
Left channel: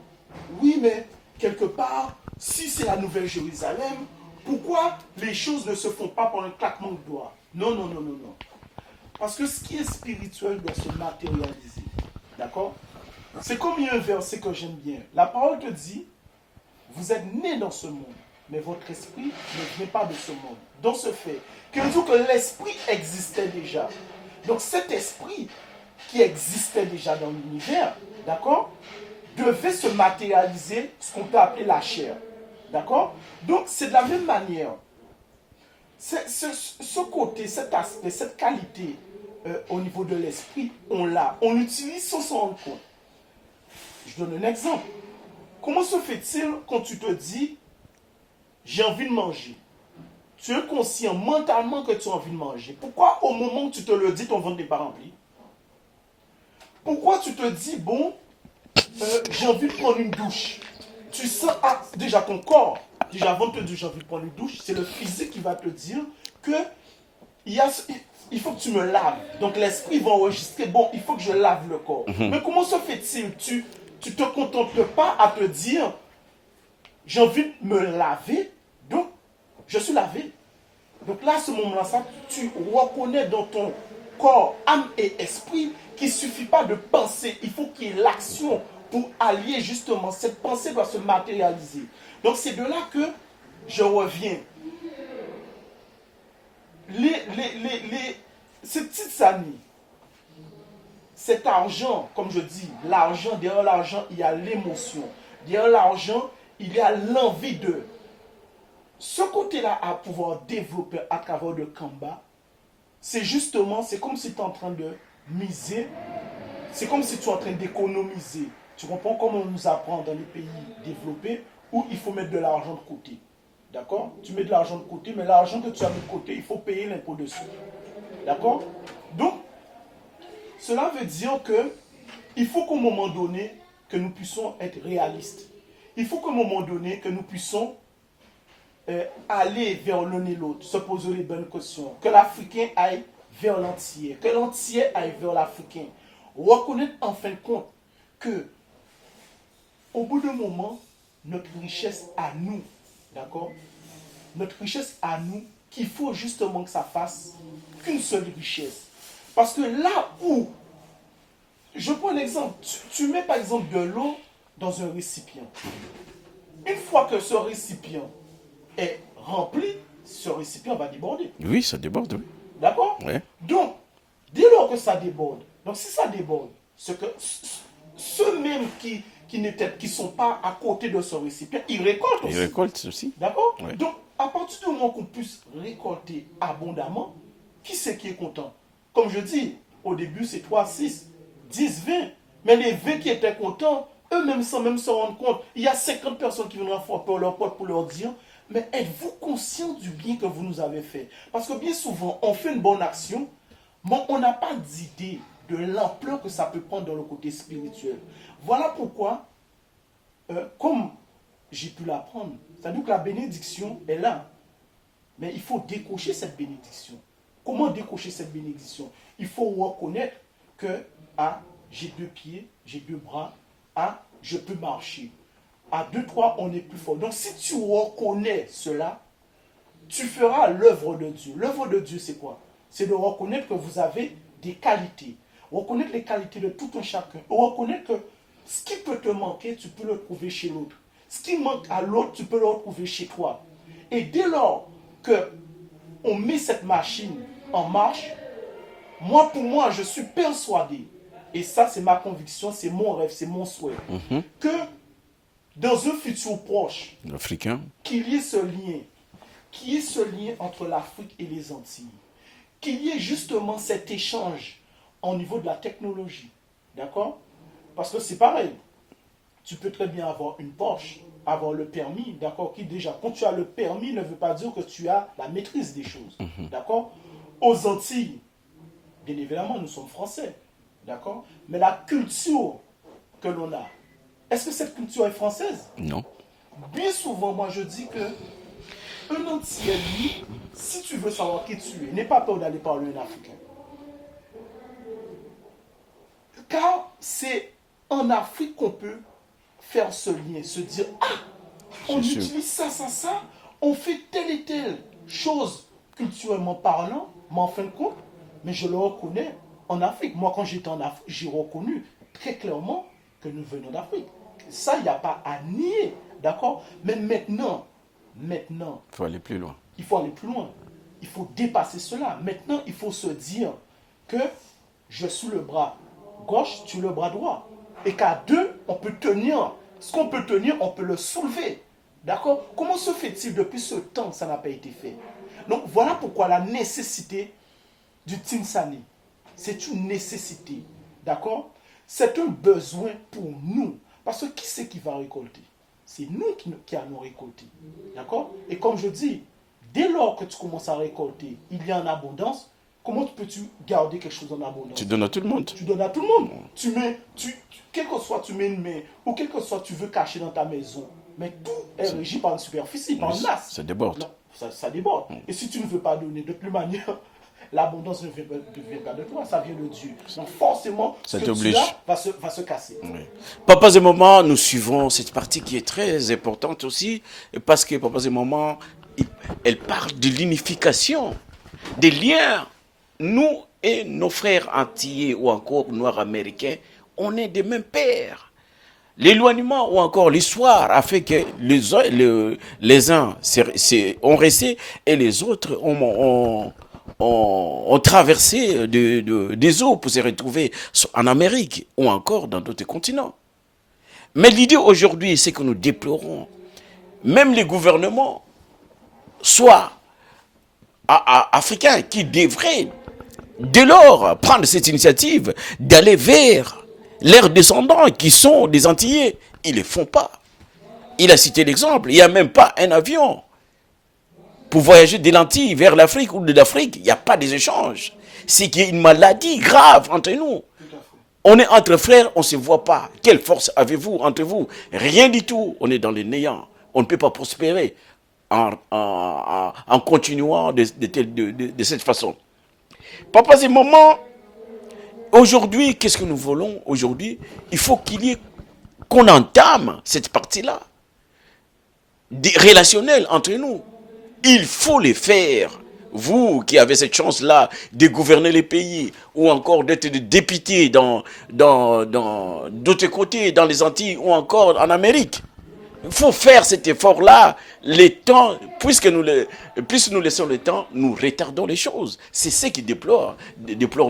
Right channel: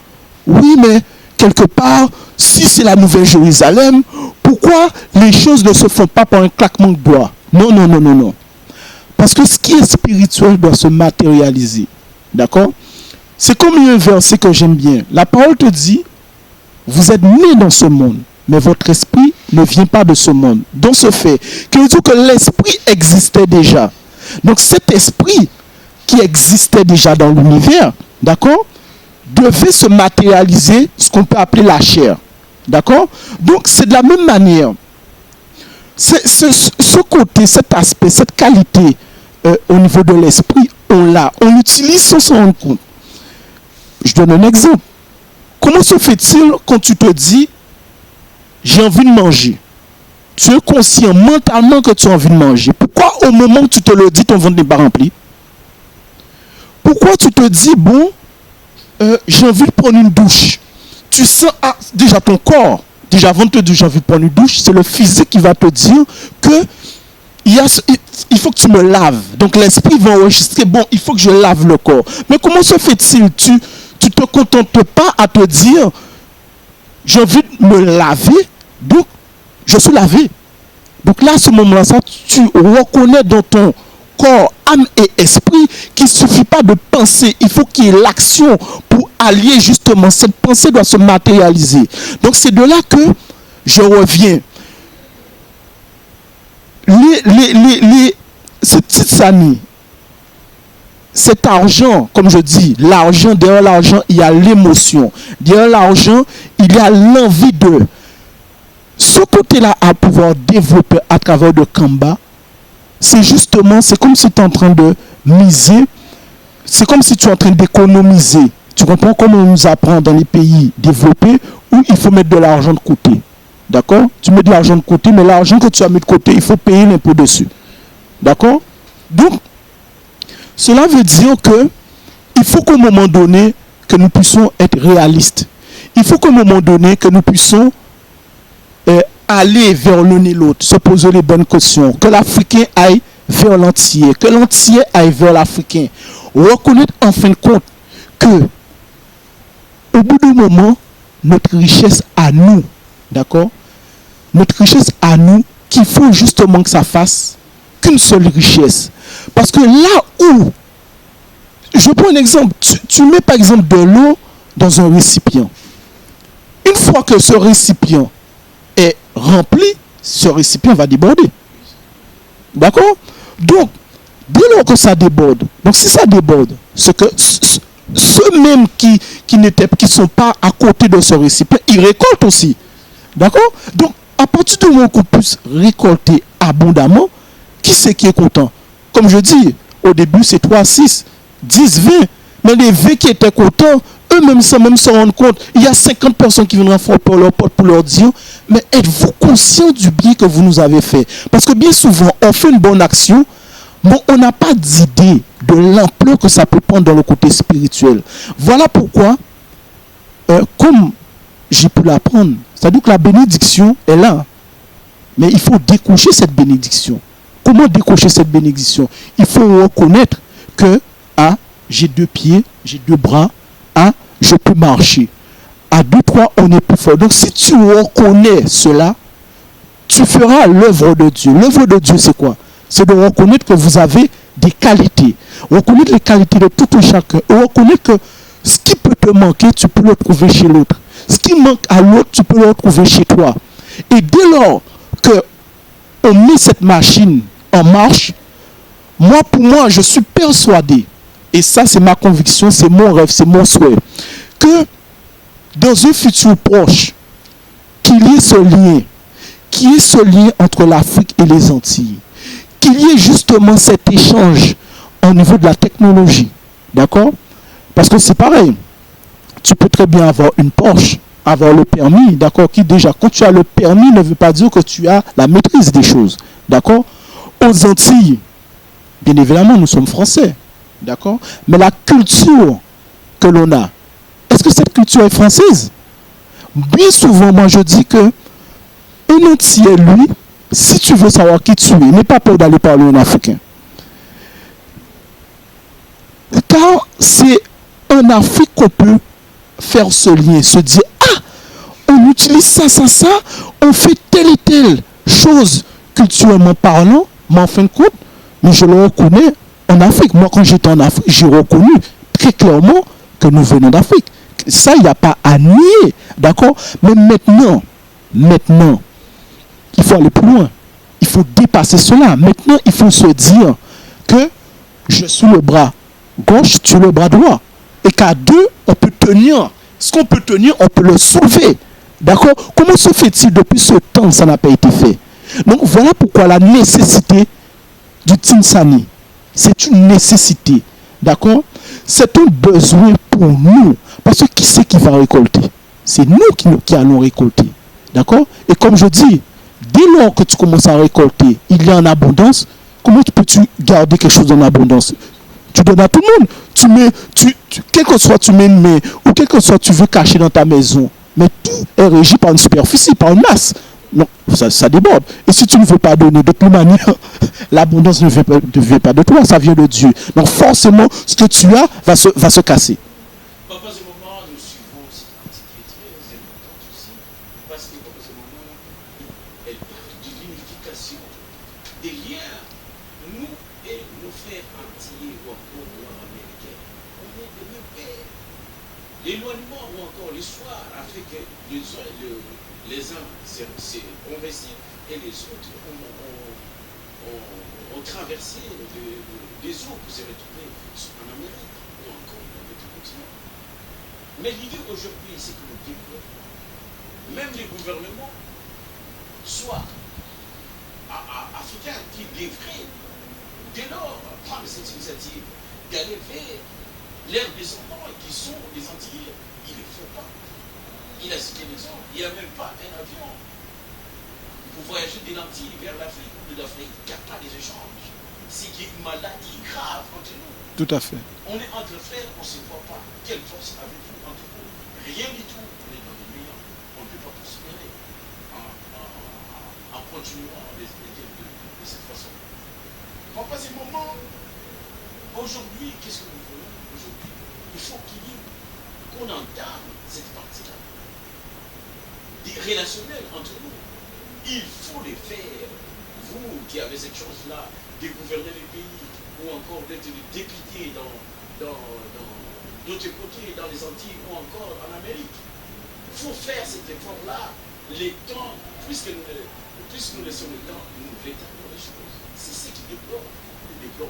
oui, mais quelque part, si c'est la Nouvelle Jérusalem, pourquoi les choses ne se font pas par un claquement de doigts? Non, non, non, non, non. Parce que ce qui est spirituel doit se matérialiser. D'accord? C'est comme un verset que j'aime bien. La parole te dit, vous êtes nés dans ce monde, mais votre esprit ne vient pas de ce monde. Dans ce fait, qui veut dire que l'esprit existait déjà. Donc cet esprit qui existait déjà dans l'univers, d'accord, devait se matérialiser, ce qu'on peut appeler la chair. D'accord? Donc c'est de la même manière. Ce côté, cet aspect, cette qualité au niveau de l'esprit, on l'a. On l'utilise sans s'en rendre compte. Je donne un exemple. Comment se fait-il quand tu te dis j'ai envie de manger? Tu es conscient mentalement que tu as envie de manger. Pourquoi au moment où tu te le dis, ton ventre n'est pas rempli? Pourquoi tu te dis bon, j'ai envie de prendre une douche? Tu sens déjà ton corps. Déjà, avant de te dire j'ai envie de prendre une douche, c'est le physique qui va te dire que il faut que tu me laves. Donc l'esprit va enregistrer, bon, il faut que je lave le corps. Mais comment se fait-il? Tu te contentes pas à te dire j'ai envie de me laver, donc je suis lavé. Donc là, à ce moment-là, tu reconnais dans ton corps, âme et esprit qu'il ne suffit pas de penser. Il faut qu'il y ait l'action pour allier justement. Cette pensée doit se matérialiser. Donc c'est de là que je reviens. Ces petites années, cet argent, comme je dis, l'argent, derrière l'argent, il y a l'émotion. Derrière l'argent, il y a l'envie de. Ce côté-là à pouvoir développer à travers de Kamba, c'est justement, c'est comme si tu es en train de miser, c'est comme si tu es en train d'économiser. Tu comprends comment on nous apprend dans les pays développés où il faut mettre de l'argent de côté. D'accord? Tu mets de l'argent de côté, mais l'argent que tu as mis de côté, il faut payer l'impôt dessus. D'accord? Donc, cela veut dire que il faut qu'au moment donné, que nous puissions être réalistes. Il faut qu'au moment donné, que nous puissions aller vers l'un et l'autre, se poser les bonnes questions, que l'Africain aille vers l'Antillais, que l'Antillais aille vers l'Africain. Reconnaître en fin de compte que, au bout du moment, notre richesse à nous, d'accord? Notre richesse à nous, qu'il faut justement que ça fasse qu'une seule richesse. Parce que là où, je prends un exemple, tu mets par exemple de l'eau dans un récipient. Une fois que ce récipient est rempli, ce récipient va déborder. Oui, ça déborde. D'accord? Ouais. Donc, dès lors que ça déborde, donc si ça déborde, c'est que ceux-mêmes qui ne sont pas à côté de ce récipient, ils récoltent aussi. D'accord? Donc, à partir du moment qu'on puisse récolter abondamment, qui c'est qui est content? Comme je dis, au début, c'est 3, 6, 10, 20. Mais les 20 qui étaient contents, eux-mêmes sans même se rendre compte, il y a 50 personnes qui viendront frapper leur porte pour leur dire, mais êtes-vous conscient du bien que vous nous avez fait? Parce que bien souvent, on fait une bonne action, bon, on n'a pas d'idée de l'ampleur que ça peut prendre dans le côté spirituel. Voilà pourquoi, comme j'ai pu l'apprendre, c'est-à-dire que la bénédiction est là. Mais il faut décocher cette bénédiction. Comment décocher cette bénédiction? Il faut reconnaître que j'ai 2 pieds, j'ai 2 bras, je peux marcher. À 2, 3, on est plus fort. Donc si tu reconnais cela, tu feras l'œuvre de Dieu. L'œuvre de Dieu, c'est quoi? C'est de reconnaître que vous avez des qualités. Reconnaître les qualités de tout un chacun. Et reconnaître que ce qui peut te manquer, tu peux le trouver chez l'autre. Ce qui manque à l'autre, tu peux le retrouver chez toi. Et dès lors que on met cette machine en marche, pour moi, je suis persuadé, et ça c'est ma conviction, c'est mon rêve, c'est mon souhait, que dans un futur proche, qu'il y ait ce lien entre l'Afrique et les Antilles, qu'il y ait justement cet échange au niveau de la technologie, d'accord? Parce que c'est pareil, tu peux très bien avoir une Porsche, avoir le permis, d'accord, qui déjà, quand tu as le permis, ne veut pas dire que tu as la maîtrise des choses, d'accord? Aux Antilles, bien évidemment, nous sommes français, d'accord? Mais la culture que l'on a, est-ce que cette culture est française? Non. Bien souvent, moi, je dis que un Antillais, lui, si tu veux savoir qui tu es, n'aie pas peur d'aller parler en africain. Car c'est en Afrique qu'on peut faire ce lien, se dire, on utilise ça, on fait telle et telle chose culturellement parlant, mais en fin de compte, mais je le reconnais en Afrique. Moi, quand j'étais en Afrique, j'ai reconnu très clairement que nous venons d'Afrique. Ça, il n'y a pas à nier, d'accord? Mais maintenant, il faut aller plus loin. Il faut dépasser cela. Maintenant, il faut se dire que je suis le bras gauche, tu es le bras droit. Et qu'à 2, on peut tenir. Ce qu'on peut tenir, on peut le soulever. D'accord? Comment se fait-il depuis ce temps ça n'a pas été fait? Donc voilà pourquoi la nécessité du Tinsani. C'est une nécessité. D'accord? C'est un besoin pour nous. Parce que qui c'est qui va récolter? C'est nous qui allons récolter. D'accord? Et comme je dis, dès lors que tu commences à récolter, il y a en abondance. Comment peux-tu garder quelque chose en abondance? Tu donnes à tout le monde. Tu donnes à tout le monde. Quel que soit tu mets une main, ou quel que soit tu veux cacher dans ta maison, mais tout est régi par une superficie, par une masse. Non, ça déborde. Et si tu ne veux pas donner de toute manière, l'abondance ne vient pas de toi, ça vient de Dieu. Donc forcément, ce que tu as va se casser. Papa et maman, nous suivons cette partie qui est très importante aussi, parce que papa et maman, elle parle de l'unification, des liens. Nous et nos frères antillais ou encore noirs américains, on est des mêmes pères. L'éloignement ou encore l'histoire a fait que les uns ont resté et les autres ont traversé des eaux pour se retrouver en Amérique ou encore dans d'autres continents. Mais l'idée aujourd'hui, c'est que nous déplorons, même les gouvernements, soit africains, qui devraient dès lors prendre cette initiative d'aller vers leurs descendants qui sont des Antillais. Ils ne le font pas. Il a cité l'exemple, il n'y a même pas un avion pour voyager de l'Antille vers l'Afrique ou de l'Afrique. Il n'y a pas d'échanges. C'est qu'il y a une maladie grave entre nous. Tout à fait. On est entre frères, on ne se voit pas. Quelle force avez-vous entre vous? Rien du tout. On est dans le néant. On ne peut pas prospérer en continuant de cette façon. Papas et mamans, aujourd'hui, qu'est-ce que nous voulons aujourd'hui? Il faut qu'on entame cette partie-là, relationnelle entre nous. Il faut les faire. Vous qui avez cette chance-là de gouverner les pays ou encore d'être député dans d'autres côtés, dans les Antilles ou encore en Amérique. Il faut faire cet effort-là. Les temps, puisque nous laissons le temps, nous retardons les choses. C'est ce qui déplore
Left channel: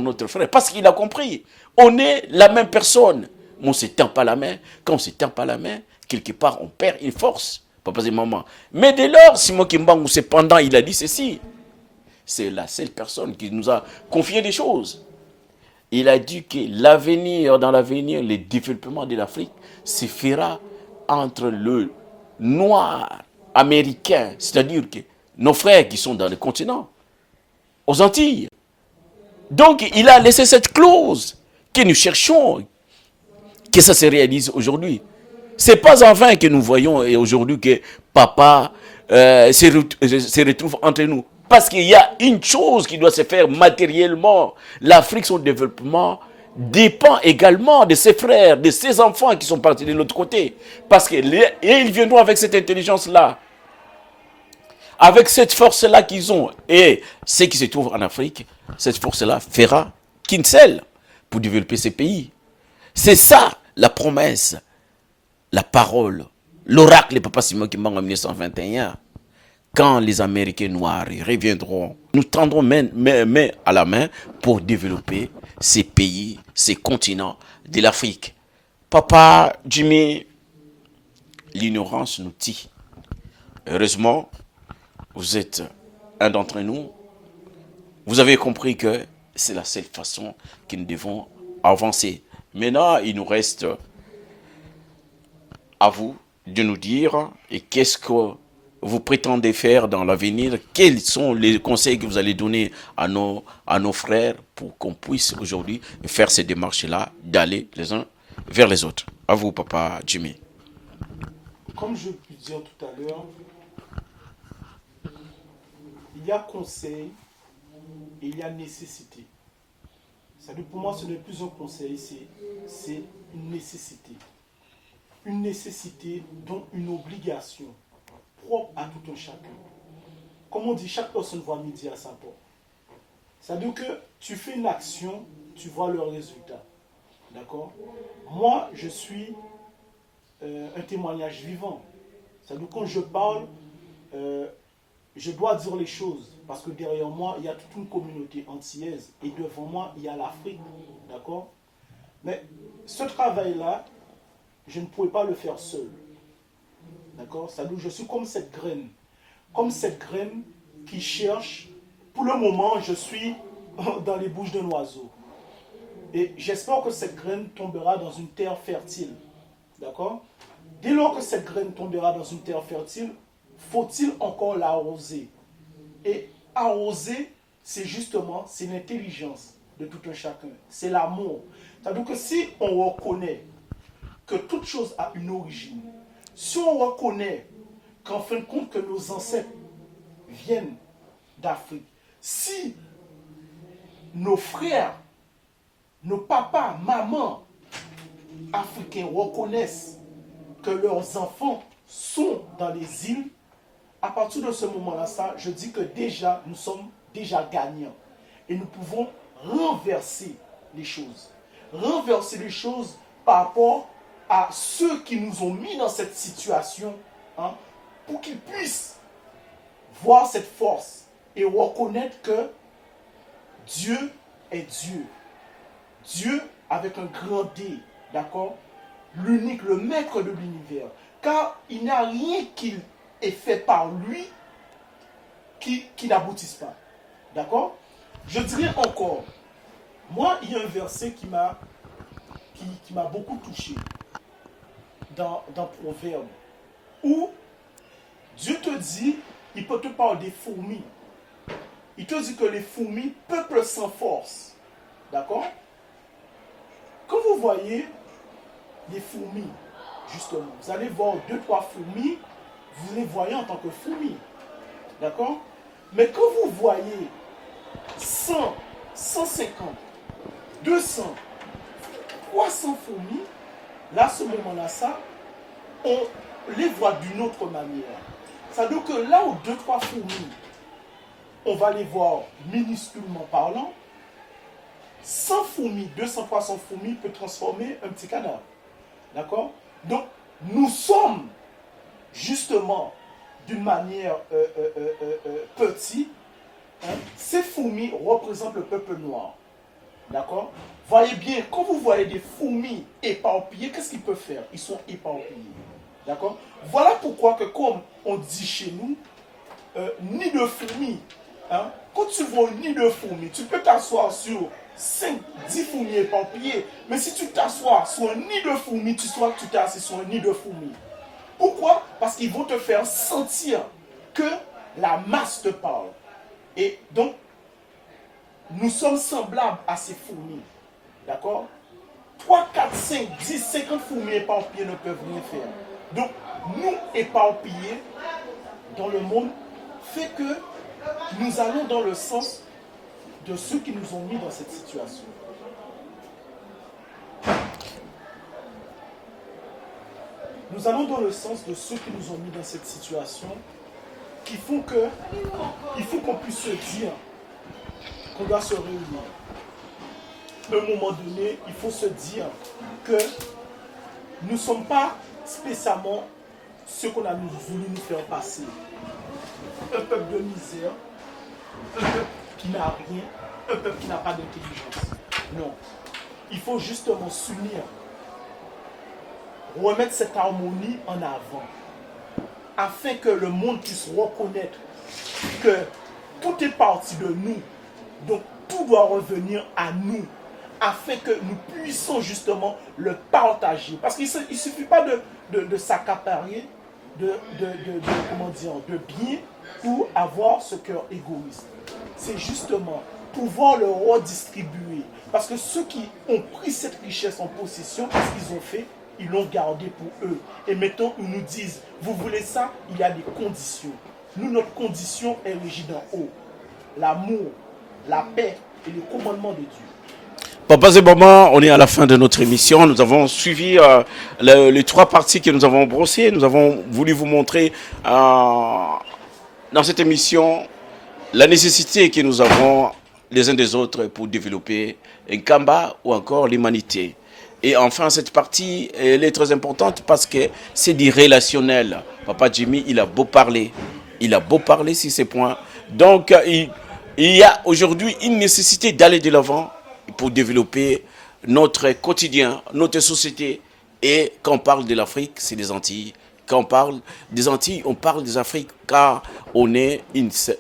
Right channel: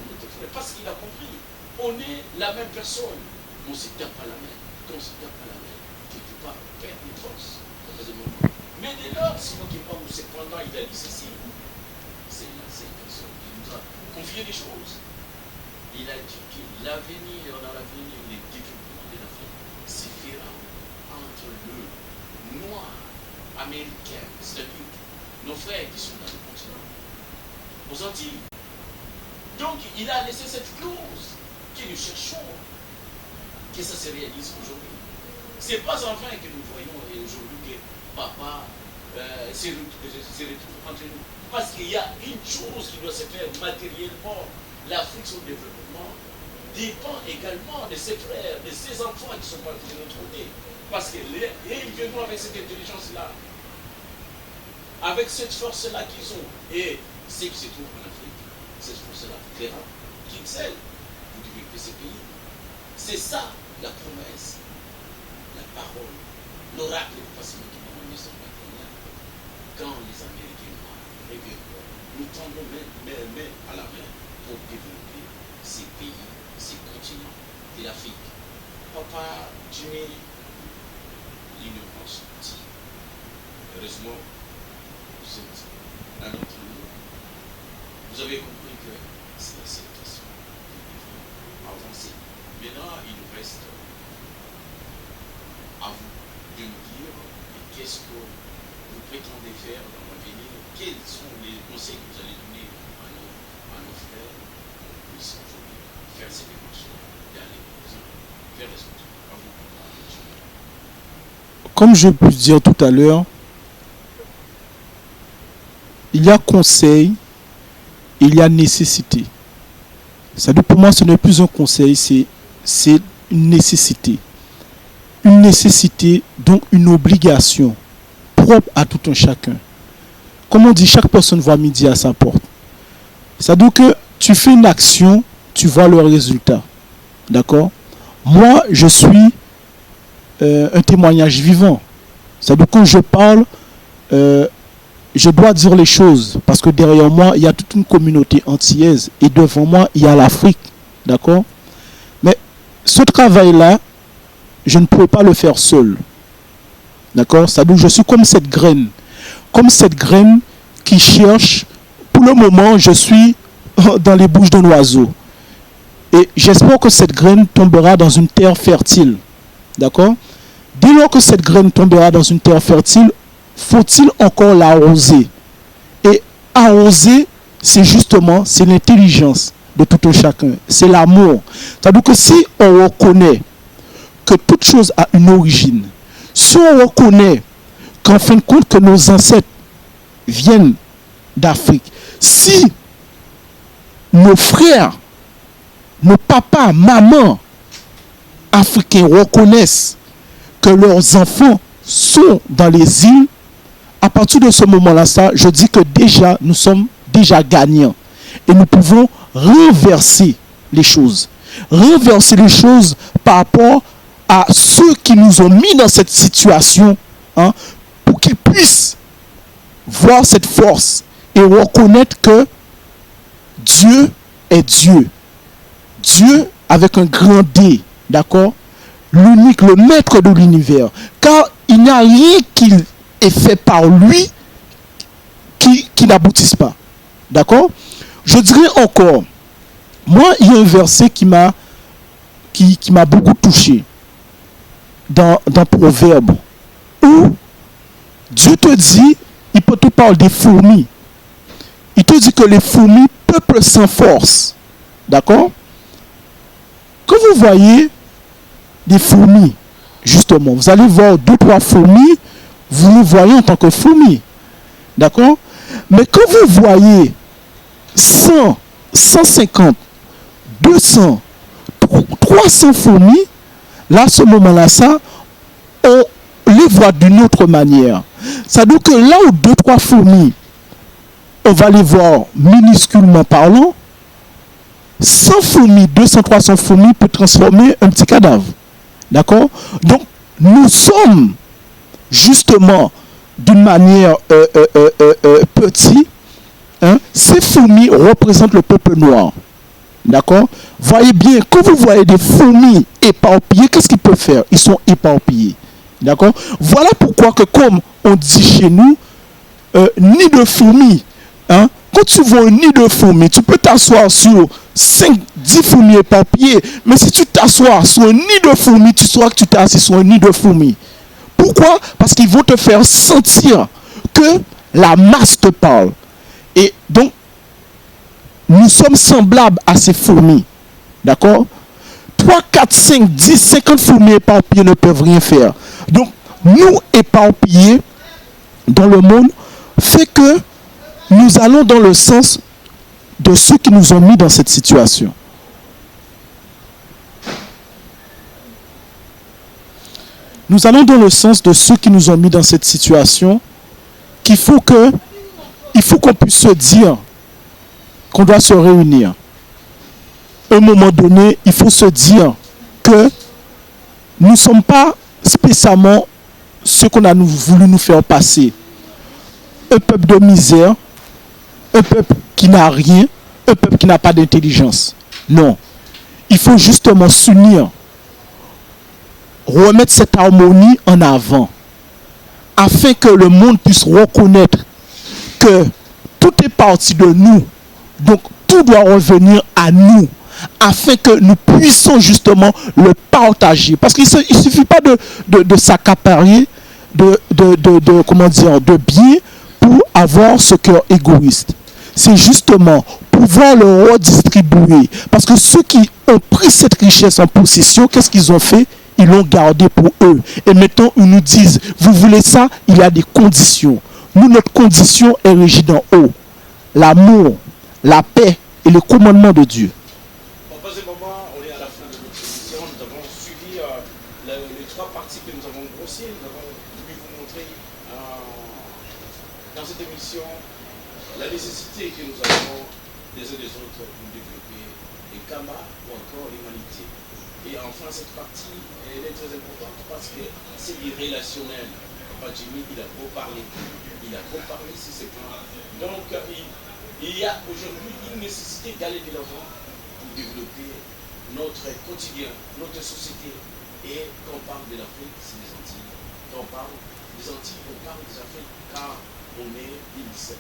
notre frère. Parce qu'il a compris. On est la même personne. Mais on ne se tend pas la main. Quand on ne se tend pas la main, quelque part, on perd une force. papa et maman. Mais dès lors, Simon Kimbangu, cependant, il a dit ceci. C'est la seule personne qui nous a confié des choses. Il a dit que dans l'avenir, le développement de l'Afrique se fera entre le noir américain, c'est-à-dire que nos frères qui sont dans le continent, aux Antilles. Donc, il a laissé cette clause que nous cherchons, que ça se réalise aujourd'hui. Ce n'est pas en vain que nous voyons aujourd'hui que papa se retrouve entre nous. Parce qu'il y a une chose qui doit se faire matériellement. L'Afrique, son développement, dépend également de ses frères, de ses enfants qui sont partis de l'autre côté. Parce qu'ils viendront avec cette intelligence-là, avec cette force-là qu'ils ont. Et ce qui se trouve en Afrique, cette force-là fera qu'une seule pour développer ces pays. C'est ça la promesse, la parole, l'oracle de Papa Simon Kimbangu en 1921. Quand les Américains noirs reviendront, nous tendrons main à la main pour développer ces pays, ces continents de l'Afrique. Papa Jimmy, l'ignorance nous tue. Heureusement, vous êtes un d'entre nous. Vous avez compris que c'est la seule façon que nous devons avancer. Maintenant, il nous reste à vous de nous dire et qu'est-ce que vous prétendez faire dans l'avenir, quels sont les conseils que vous allez donner à nos frères pour qu'on puisse aujourd'hui faire ces démarches-là, d'aller les uns vers les autres. À vous, Papa Jimmy. Comme je peux dire tout à l'heure, il y a conseil, il y a nécessité. C'est-à-dire pour moi, ce n'est plus un conseil, c'est une nécessité. Une nécessité, donc une obligation propre à tout un chacun. Comme on dit, chaque personne voit midi à sa porte. C'est-à-dire que tu fais une action, tu vois le résultat. D'accord? Moi, je suis un témoignage vivant. C'est-à-dire que quand je parle, je dois dire les choses. Parce que derrière moi, il y a toute une communauté antillaise. Et devant moi, il y a l'Afrique. D'accord? Mais ce travail-là, je ne pouvais pas le faire seul. D'accord? C'est-à-dire que je suis comme cette graine. Comme cette graine qui cherche. Pour le moment, je suis dans les bouches d'un oiseau. Et j'espère que cette graine tombera dans une terre fertile. D'accord? Dès lors que cette graine tombera dans une terre fertile, faut-il encore l'arroser? Et arroser, c'est justement, c'est l'intelligence de tout un chacun. C'est l'amour. C'est-à-dire que si on reconnaît que toute chose a une origine, si on reconnaît qu'en fin de compte que nos ancêtres viennent d'Afrique, si nos frères, nos papas, mamans africains reconnaissent que leurs enfants sont dans les îles, à partir de ce moment-là, je dis que déjà, nous sommes déjà gagnants. Et nous pouvons renverser les choses. Renverser les choses par rapport à ceux qui nous ont mis dans cette situation, hein, pour qu'ils puissent voir cette force et reconnaître que Dieu est Dieu. Dieu avec un grand D, d'accord? L'unique, le maître de l'univers. Car il n'y a rien qu'il ait fait par lui qui n'aboutisse pas. D'accord? Je dirais encore, moi, il y a un verset qui m'a beaucoup touché dans Proverbe, où Dieu te dit, il peut te parler des fourmis. Il te dit que les fourmis peuplent sans force. D'accord? Quand vous voyez des fourmis, justement, vous allez voir 2-3 fourmis, vous les voyez en tant que fourmis. D'accord? Mais quand vous voyez 100, 150, 200, 300 fourmis, là, à ce moment-là, on les voit d'une autre manière. Ça veut dire que là où 2-3 fourmis, on va les voir minusculement parlant, 100 fourmis, 200, 300 fourmis peut transformer un petit cadavre. D'accord? Donc, nous sommes justement d'une manière petits. Hein? Ces fourmis représentent le peuple noir. D'accord? Voyez bien, quand vous voyez des fourmis éparpillées, qu'est-ce qu'ils peuvent faire? Ils sont éparpillés. D'accord? Voilà pourquoi que comme on dit chez nous, nid de fourmis. Hein? Quand tu vois un nid de fourmis, tu peux t'asseoir sur 5, 10 fourmis éparpillées. Mais si tu t'assois sur un nid de fourmis, tu sauras que tu t'es assis sur un nid de fourmis. Pourquoi? Parce qu'ils vont te faire sentir que la masse te parle. Et donc, nous sommes semblables à ces fourmis. D'accord? 3, 4, 5, 10, 50 fourmis éparpillées ne peuvent rien faire. Donc, nous éparpillés dans le monde fait que nous allons dans le sens de ceux qui nous ont mis dans cette situation. Nous allons dans le sens de ceux qui nous ont mis dans cette situation, il faut qu'on puisse se dire qu'on doit se réunir. À un moment donné, il faut se dire que nous ne sommes pas spécialement ce qu'on a voulu nous faire passer. Un peuple de misère, un peuple qui n'a rien, un peuple qui n'a pas d'intelligence. Non. Il faut justement s'unir, remettre cette harmonie en avant, afin que le monde puisse reconnaître que tout est parti de nous. Donc tout doit revenir à nous, afin que nous puissions justement le partager. Parce qu'il ne suffit pas de s'accaparer de biens pour avoir ce cœur égoïste. C'est justement pouvoir le redistribuer. Parce que ceux qui ont pris cette richesse en possession, qu'est-ce qu'ils ont fait? Ils l'ont gardé pour eux. Et maintenant, ils nous disent, vous voulez ça? Il y a des conditions. Nous, notre condition est régie d'en haut. L'amour, la paix et le commandement de Dieu. Papa et maman, on est à la fin de notre émission. Nous avons suivi les 3 parties que nous avons brossées. Nous avons voulu vous montrer dans cette émission la nécessité que nous avons les uns des autres pour développer un Kamba ou encore l'humanité. Et enfin, cette partie, elle est très importante parce que c'est du relationnel. Papa Jimmy, il a beau parler. Il a beau parler sur ces points. Donc, il y a aujourd'hui une nécessité d'aller de l'avant pour développer notre quotidien, notre société. Et quand on parle de l'Afrique, c'est des Antilles. Quand on parle des Antilles, on parle des Afriques car on est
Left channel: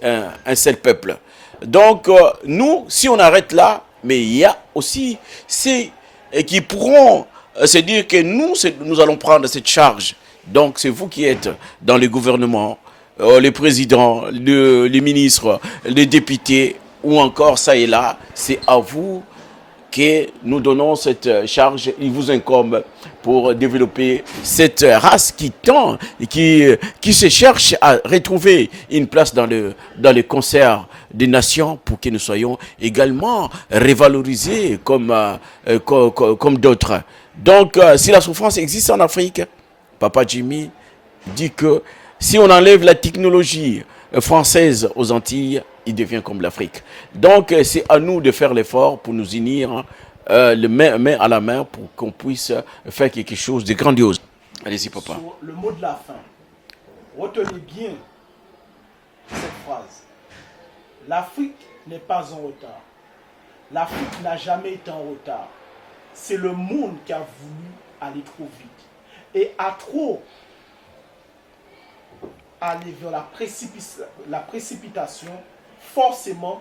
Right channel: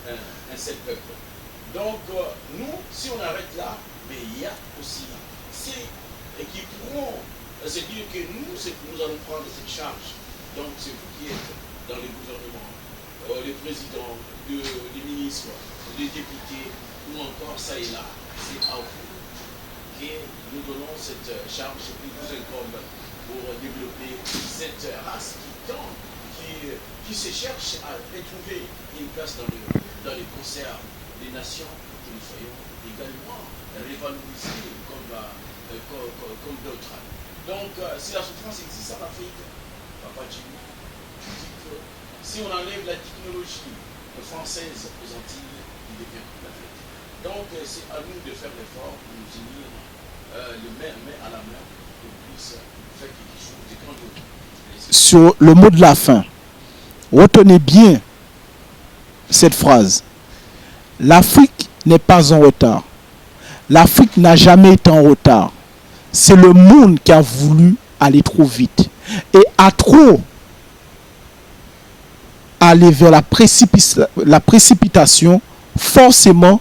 un seul peuple. Donc, nous, si on arrête là, mais il y a aussi ces qui pourront se dire que nous allons prendre cette charge. Donc, c'est vous qui êtes dans le gouvernement, les présidents, les ministres, les députés, ou encore ça et là, c'est à vous que nous donnons cette charge. Il vous incombe pour développer cette race qui tend, qui se cherche à retrouver une place dans le concert des nations pour que nous soyons également révalorisés comme d'autres. Donc, si la souffrance existe en Afrique, Papa Jimmy dit que si on enlève la technologie française aux Antilles, il devient comme l'Afrique. Donc, c'est à nous de faire l'effort pour nous unir main à la main pour qu'on puisse faire quelque chose de grandiose. Allez-y, papa. Sur le mot de la fin, retenez bien cette phrase. L'Afrique n'est pas en retard. L'Afrique n'a jamais été en retard. C'est le monde qui a voulu aller trop vite. Et à trop aller vers la précipitation, forcément,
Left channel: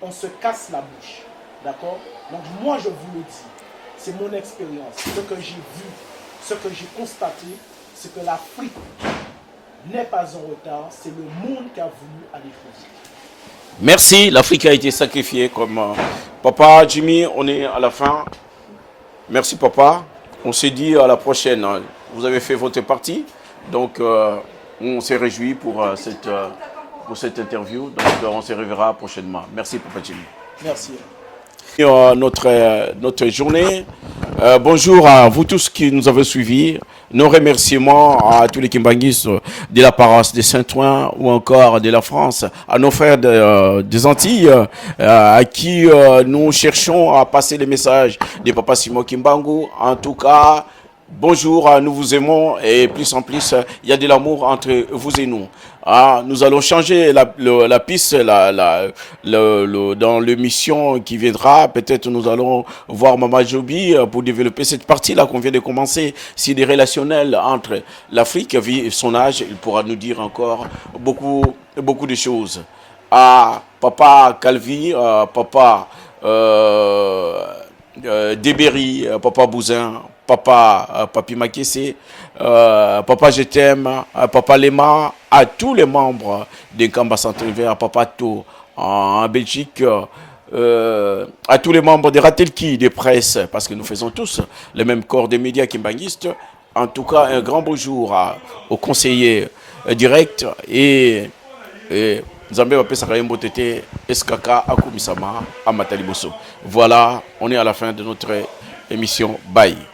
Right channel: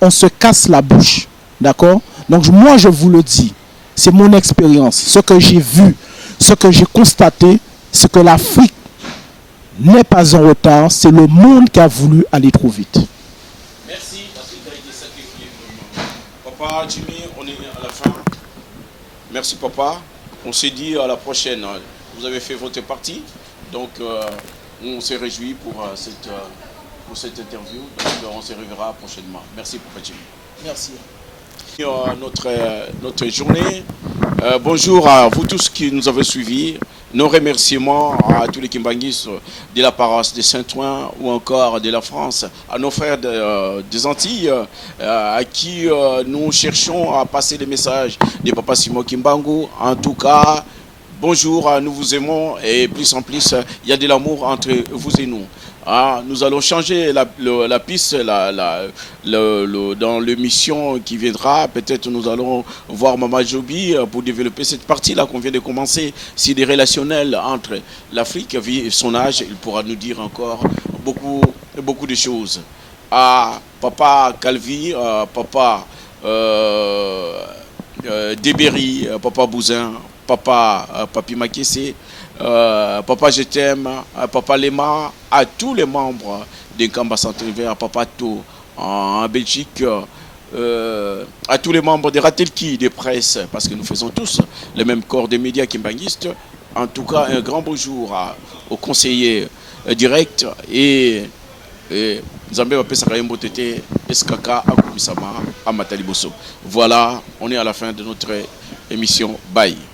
on se casse la bouche. D'accord? Donc moi, je vous le dis, c'est mon expérience. Ce que j'ai vu, ce que j'ai constaté, c'est que l'Afrique n'est pas en retard. C'est le monde qui a voulu aller trop vite. Merci, l'Afrique a été sacrifiée comme... Papa Jimmy, on est à la fin. Merci papa. On se dit à la prochaine. Vous avez fait votre partie. Donc on s'est réjouis pour cette interview. Donc on se reverra prochainement. Merci papa Jimmy. Merci. Notre journée. Bonjour à vous tous qui nous avez suivis. Nos remerciements à tous les Kimbanguistes de la paroisse de Saint-Ouen ou encore de la France, à nos frères des Antilles, à qui nous cherchons à passer les messages de Papa Simon Kimbangu. En tout cas, bonjour, nous vous aimons et plus en plus, il y a de l'amour entre vous et nous. Ah, nous allons changer la piste dans l'émission qui viendra. Peut-être nous allons voir Mama Joby pour développer cette partie-là qu'on vient de commencer. C'est des relationnels entre l'Afrique et son âge. Il pourra nous dire encore beaucoup de choses. Ah, Papa Calvi, Papa Débéry, Papa Bouzin, Papa Papi Makessé, Papa Je t'aime, Papa Lema, à tous les membres de Nkamba Centre-Univers, Papa To en Belgique, à tous les membres de Ratelki, des presse, parce que nous faisons tous le même corps de médias kimbanguistes. En tout cas, un grand bonjour aux conseillers directs et Zambé va pesa kayembo tete eskaka akumisama amataliboso. Voilà, on est à la fin de notre émission. Bye.